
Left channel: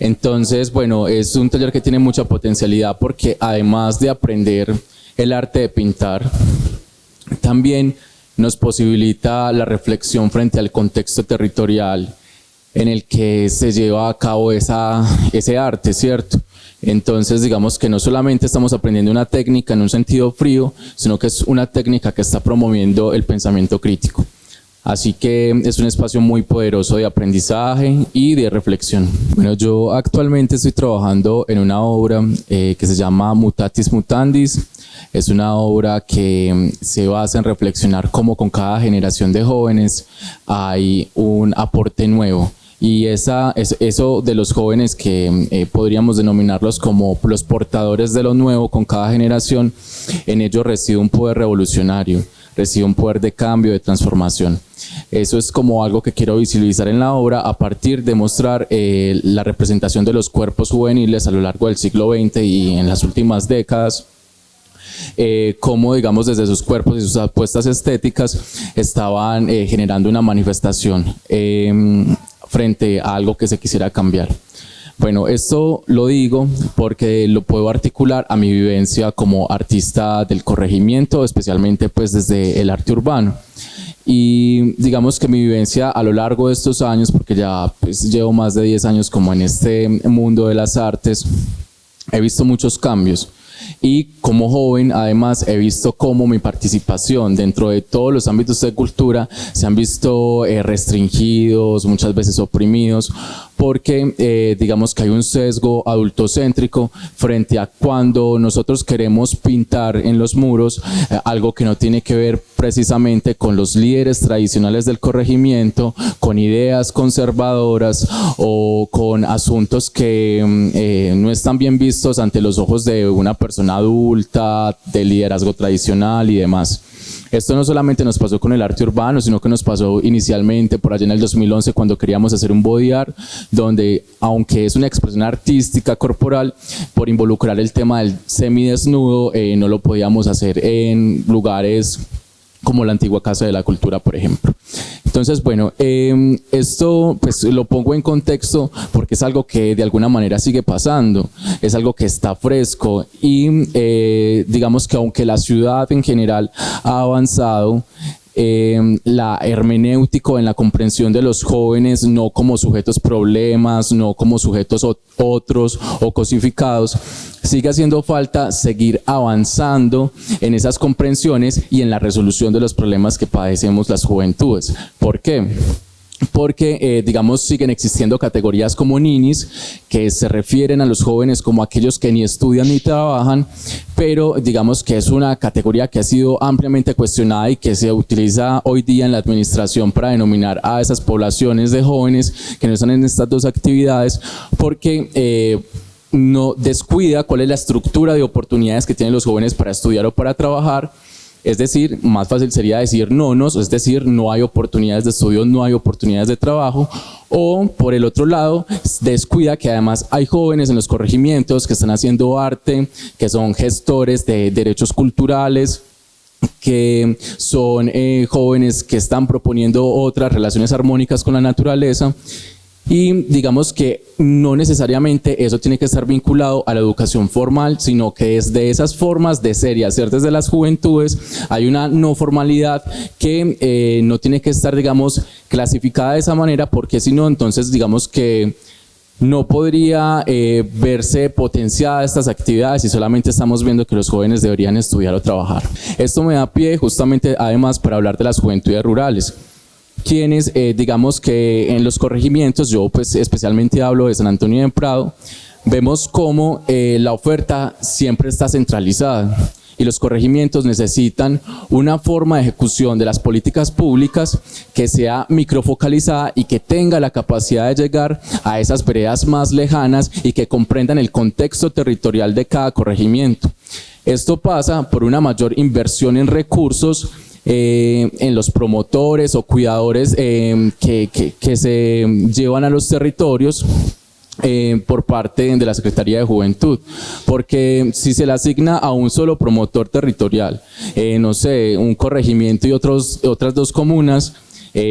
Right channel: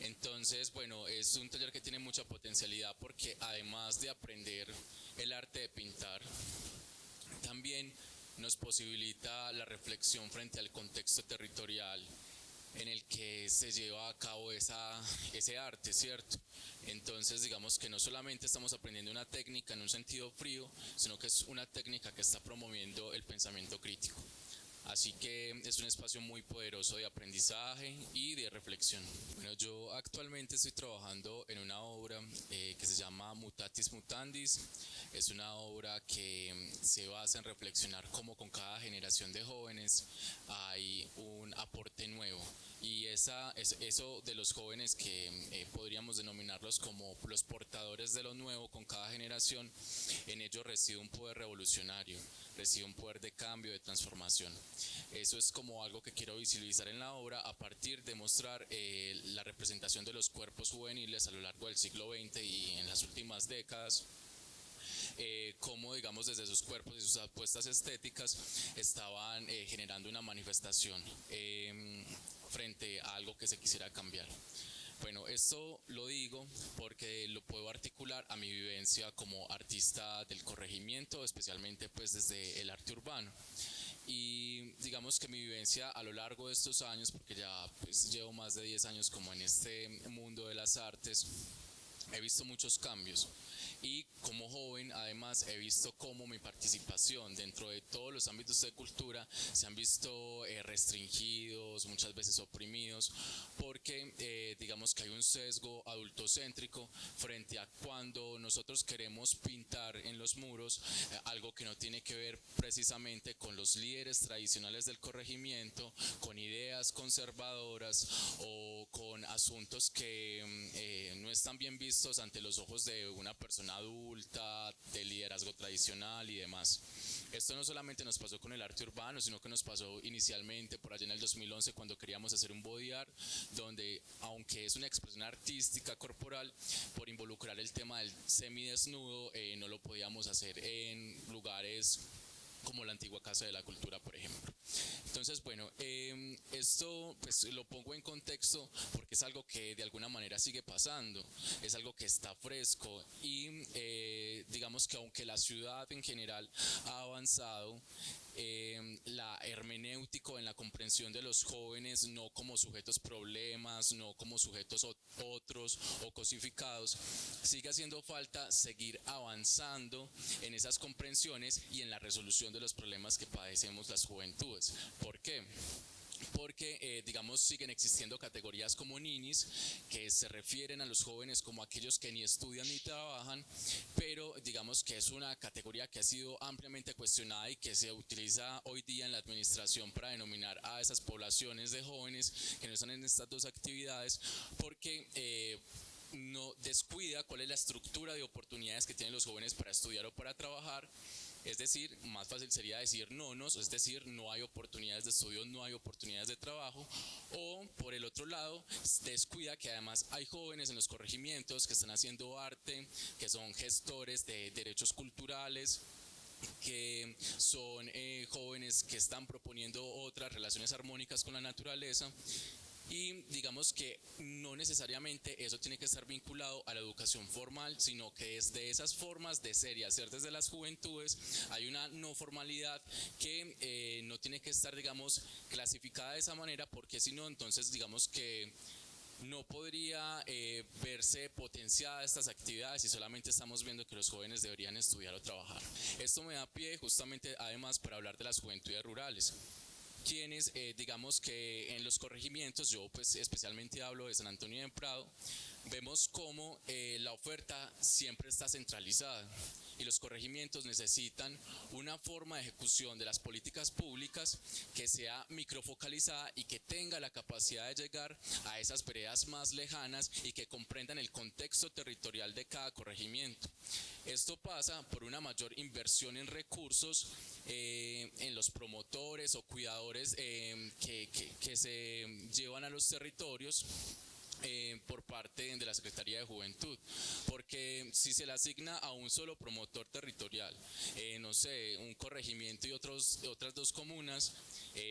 Entonces, bueno, es un taller que tiene mucha potencialidad porque además de aprender el arte de pintar, también nos posibilita la reflexión frente al contexto territorial en el que se lleva a cabo ese arte, ¿cierto? Entonces digamos que no solamente estamos aprendiendo una técnica en un sentido frío, sino que es una técnica que está promoviendo el pensamiento crítico. Así que es un espacio muy poderoso de aprendizaje y de reflexión. Bueno, yo actualmente estoy trabajando en una obra que se llama Mutatis Mutandis. Es una obra que se basa en reflexionar cómo con cada generación de jóvenes hay un aporte nuevo. Y eso de los jóvenes que podríamos denominarlos como los portadores de lo nuevo con cada generación, en ellos reside un poder revolucionario, reside un poder de cambio, de transformación. Eso es como algo que quiero visibilizar en la obra a partir de mostrar la representación de los cuerpos juveniles a lo largo del siglo XX y en las últimas décadas. Cómo, digamos, desde sus cuerpos y sus apuestas estéticas estaban generando una manifestación frente a algo que se quisiera cambiar. Bueno, esto lo digo porque lo puedo articular a mi vivencia como artista del corregimiento, especialmente pues desde el arte urbano. Y digamos que mi vivencia a lo largo de estos años, porque ya pues, llevo más de 10 años como en este mundo de las artes, he visto muchos cambios. Y como joven, además, he visto cómo mi participación dentro de todos los ámbitos de cultura se han visto restringidos, muchas veces oprimidos, porque digamos que hay un sesgo adultocéntrico frente a cuando nosotros queremos pintar en los muros algo que no tiene que ver precisamente con los líderes tradicionales del corregimiento, con ideas conservadoras o con asuntos que no están bien vistos ante los ojos de una persona adulta, de liderazgo tradicional y demás. Esto no solamente nos pasó con el arte urbano, sino que nos pasó inicialmente por allá en el 2011 cuando queríamos hacer un body art, donde aunque es una expresión artística corporal, por involucrar el tema del semidesnudo, no lo podíamos hacer en lugares como la antigua Casa de la Cultura, por ejemplo. Entonces, bueno, esto pues lo pongo en contexto porque es algo que de alguna manera sigue pasando, es algo que está fresco y digamos que aunque la ciudad en general ha avanzado, la hermenéutico en la comprensión de los jóvenes, no como sujetos problemas, no como sujetos otros o cosificados, sigue haciendo falta seguir avanzando en esas comprensiones y en la resolución de los problemas que padecemos las juventudes. ¿Por qué? Porque, digamos, siguen existiendo categorías como ninis, que se refieren a los jóvenes como aquellos que ni estudian ni trabajan, pero digamos que es una categoría que ha sido ampliamente cuestionada y que se utiliza hoy día en la administración para denominar a esas poblaciones de jóvenes que no están en estas dos actividades, porque no descuida cuál es la estructura de oportunidades que tienen los jóvenes para estudiar o para trabajar. Es decir, más fácil sería decir nonos, es decir, no hay oportunidades de estudio, no hay oportunidades de trabajo, o por el otro lado, descuida que además hay jóvenes en los corregimientos que están haciendo arte, que son gestores de derechos culturales, que son jóvenes que están proponiendo otras relaciones armónicas con la naturaleza. Y digamos que no necesariamente eso tiene que estar vinculado a la educación formal, sino que es de esas formas de ser y hacer desde las juventudes. Hay una no formalidad que no tiene que estar, digamos, clasificada de esa manera, porque si no, entonces digamos que no podría verse potenciada estas actividades y solamente estamos viendo que los jóvenes deberían estudiar o trabajar. Esto me da pie justamente además para hablar de las juventudes rurales, quienes digamos que en los corregimientos, yo pues especialmente hablo de San Antonio de Prado, vemos cómo la oferta siempre está centralizada y los corregimientos necesitan una forma de ejecución de las políticas públicas que sea microfocalizada y que tenga la capacidad de llegar a esas veredas más lejanas y que comprendan el contexto territorial de cada corregimiento. Esto pasa por una mayor inversión en recursos, en los promotores o cuidadores que se llevan a los territorios por parte de la Secretaría de Juventud, porque si se le asigna a un solo promotor territorial, no sé, un corregimiento y otras dos comunas,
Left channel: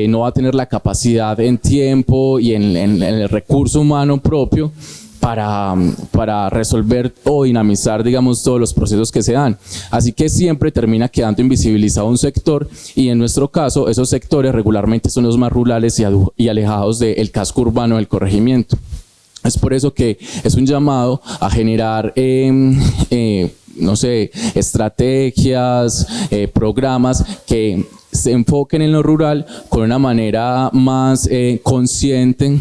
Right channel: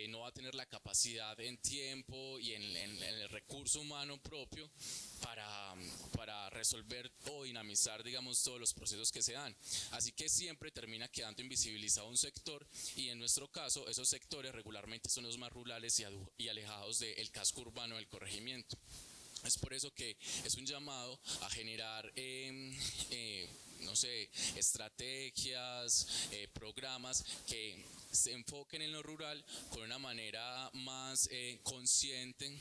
no va a tener la capacidad en tiempo y en el recurso humano propio para resolver o dinamizar, digamos, todos los procesos que se dan. Así que siempre termina quedando invisibilizado un sector y en nuestro caso esos sectores regularmente son los más rurales y alejados del casco urbano del corregimiento. Es por eso que es un llamado a generar no sé, estrategias, programas que se enfoquen en lo rural con una manera más consciente,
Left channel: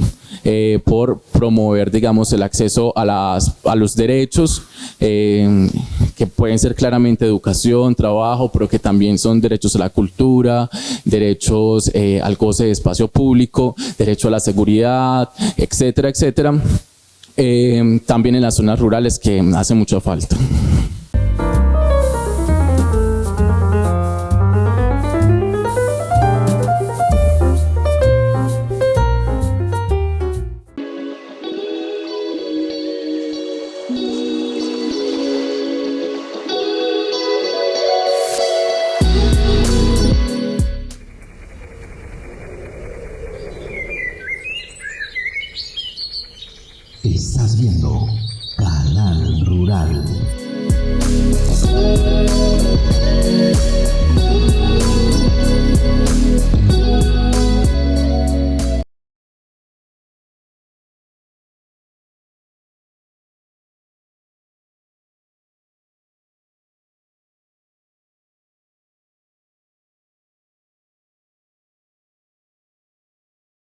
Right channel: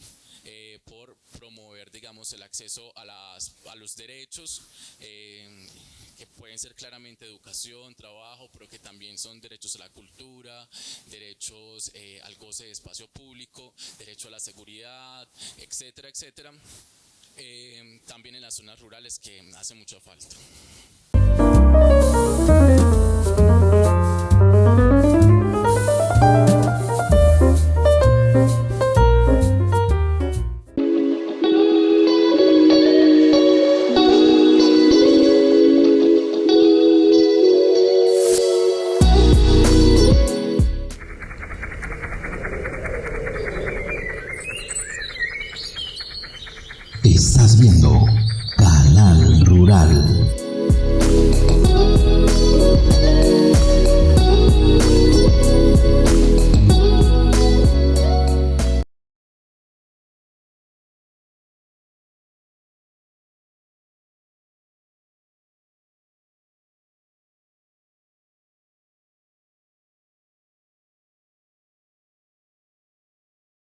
por promover, digamos, el acceso a los derechos que pueden ser claramente educación, trabajo, pero que también son derechos a la cultura, derechos al goce de espacio público, derecho a la seguridad, etcétera, etcétera. También en las zonas rurales, que hace mucha falta.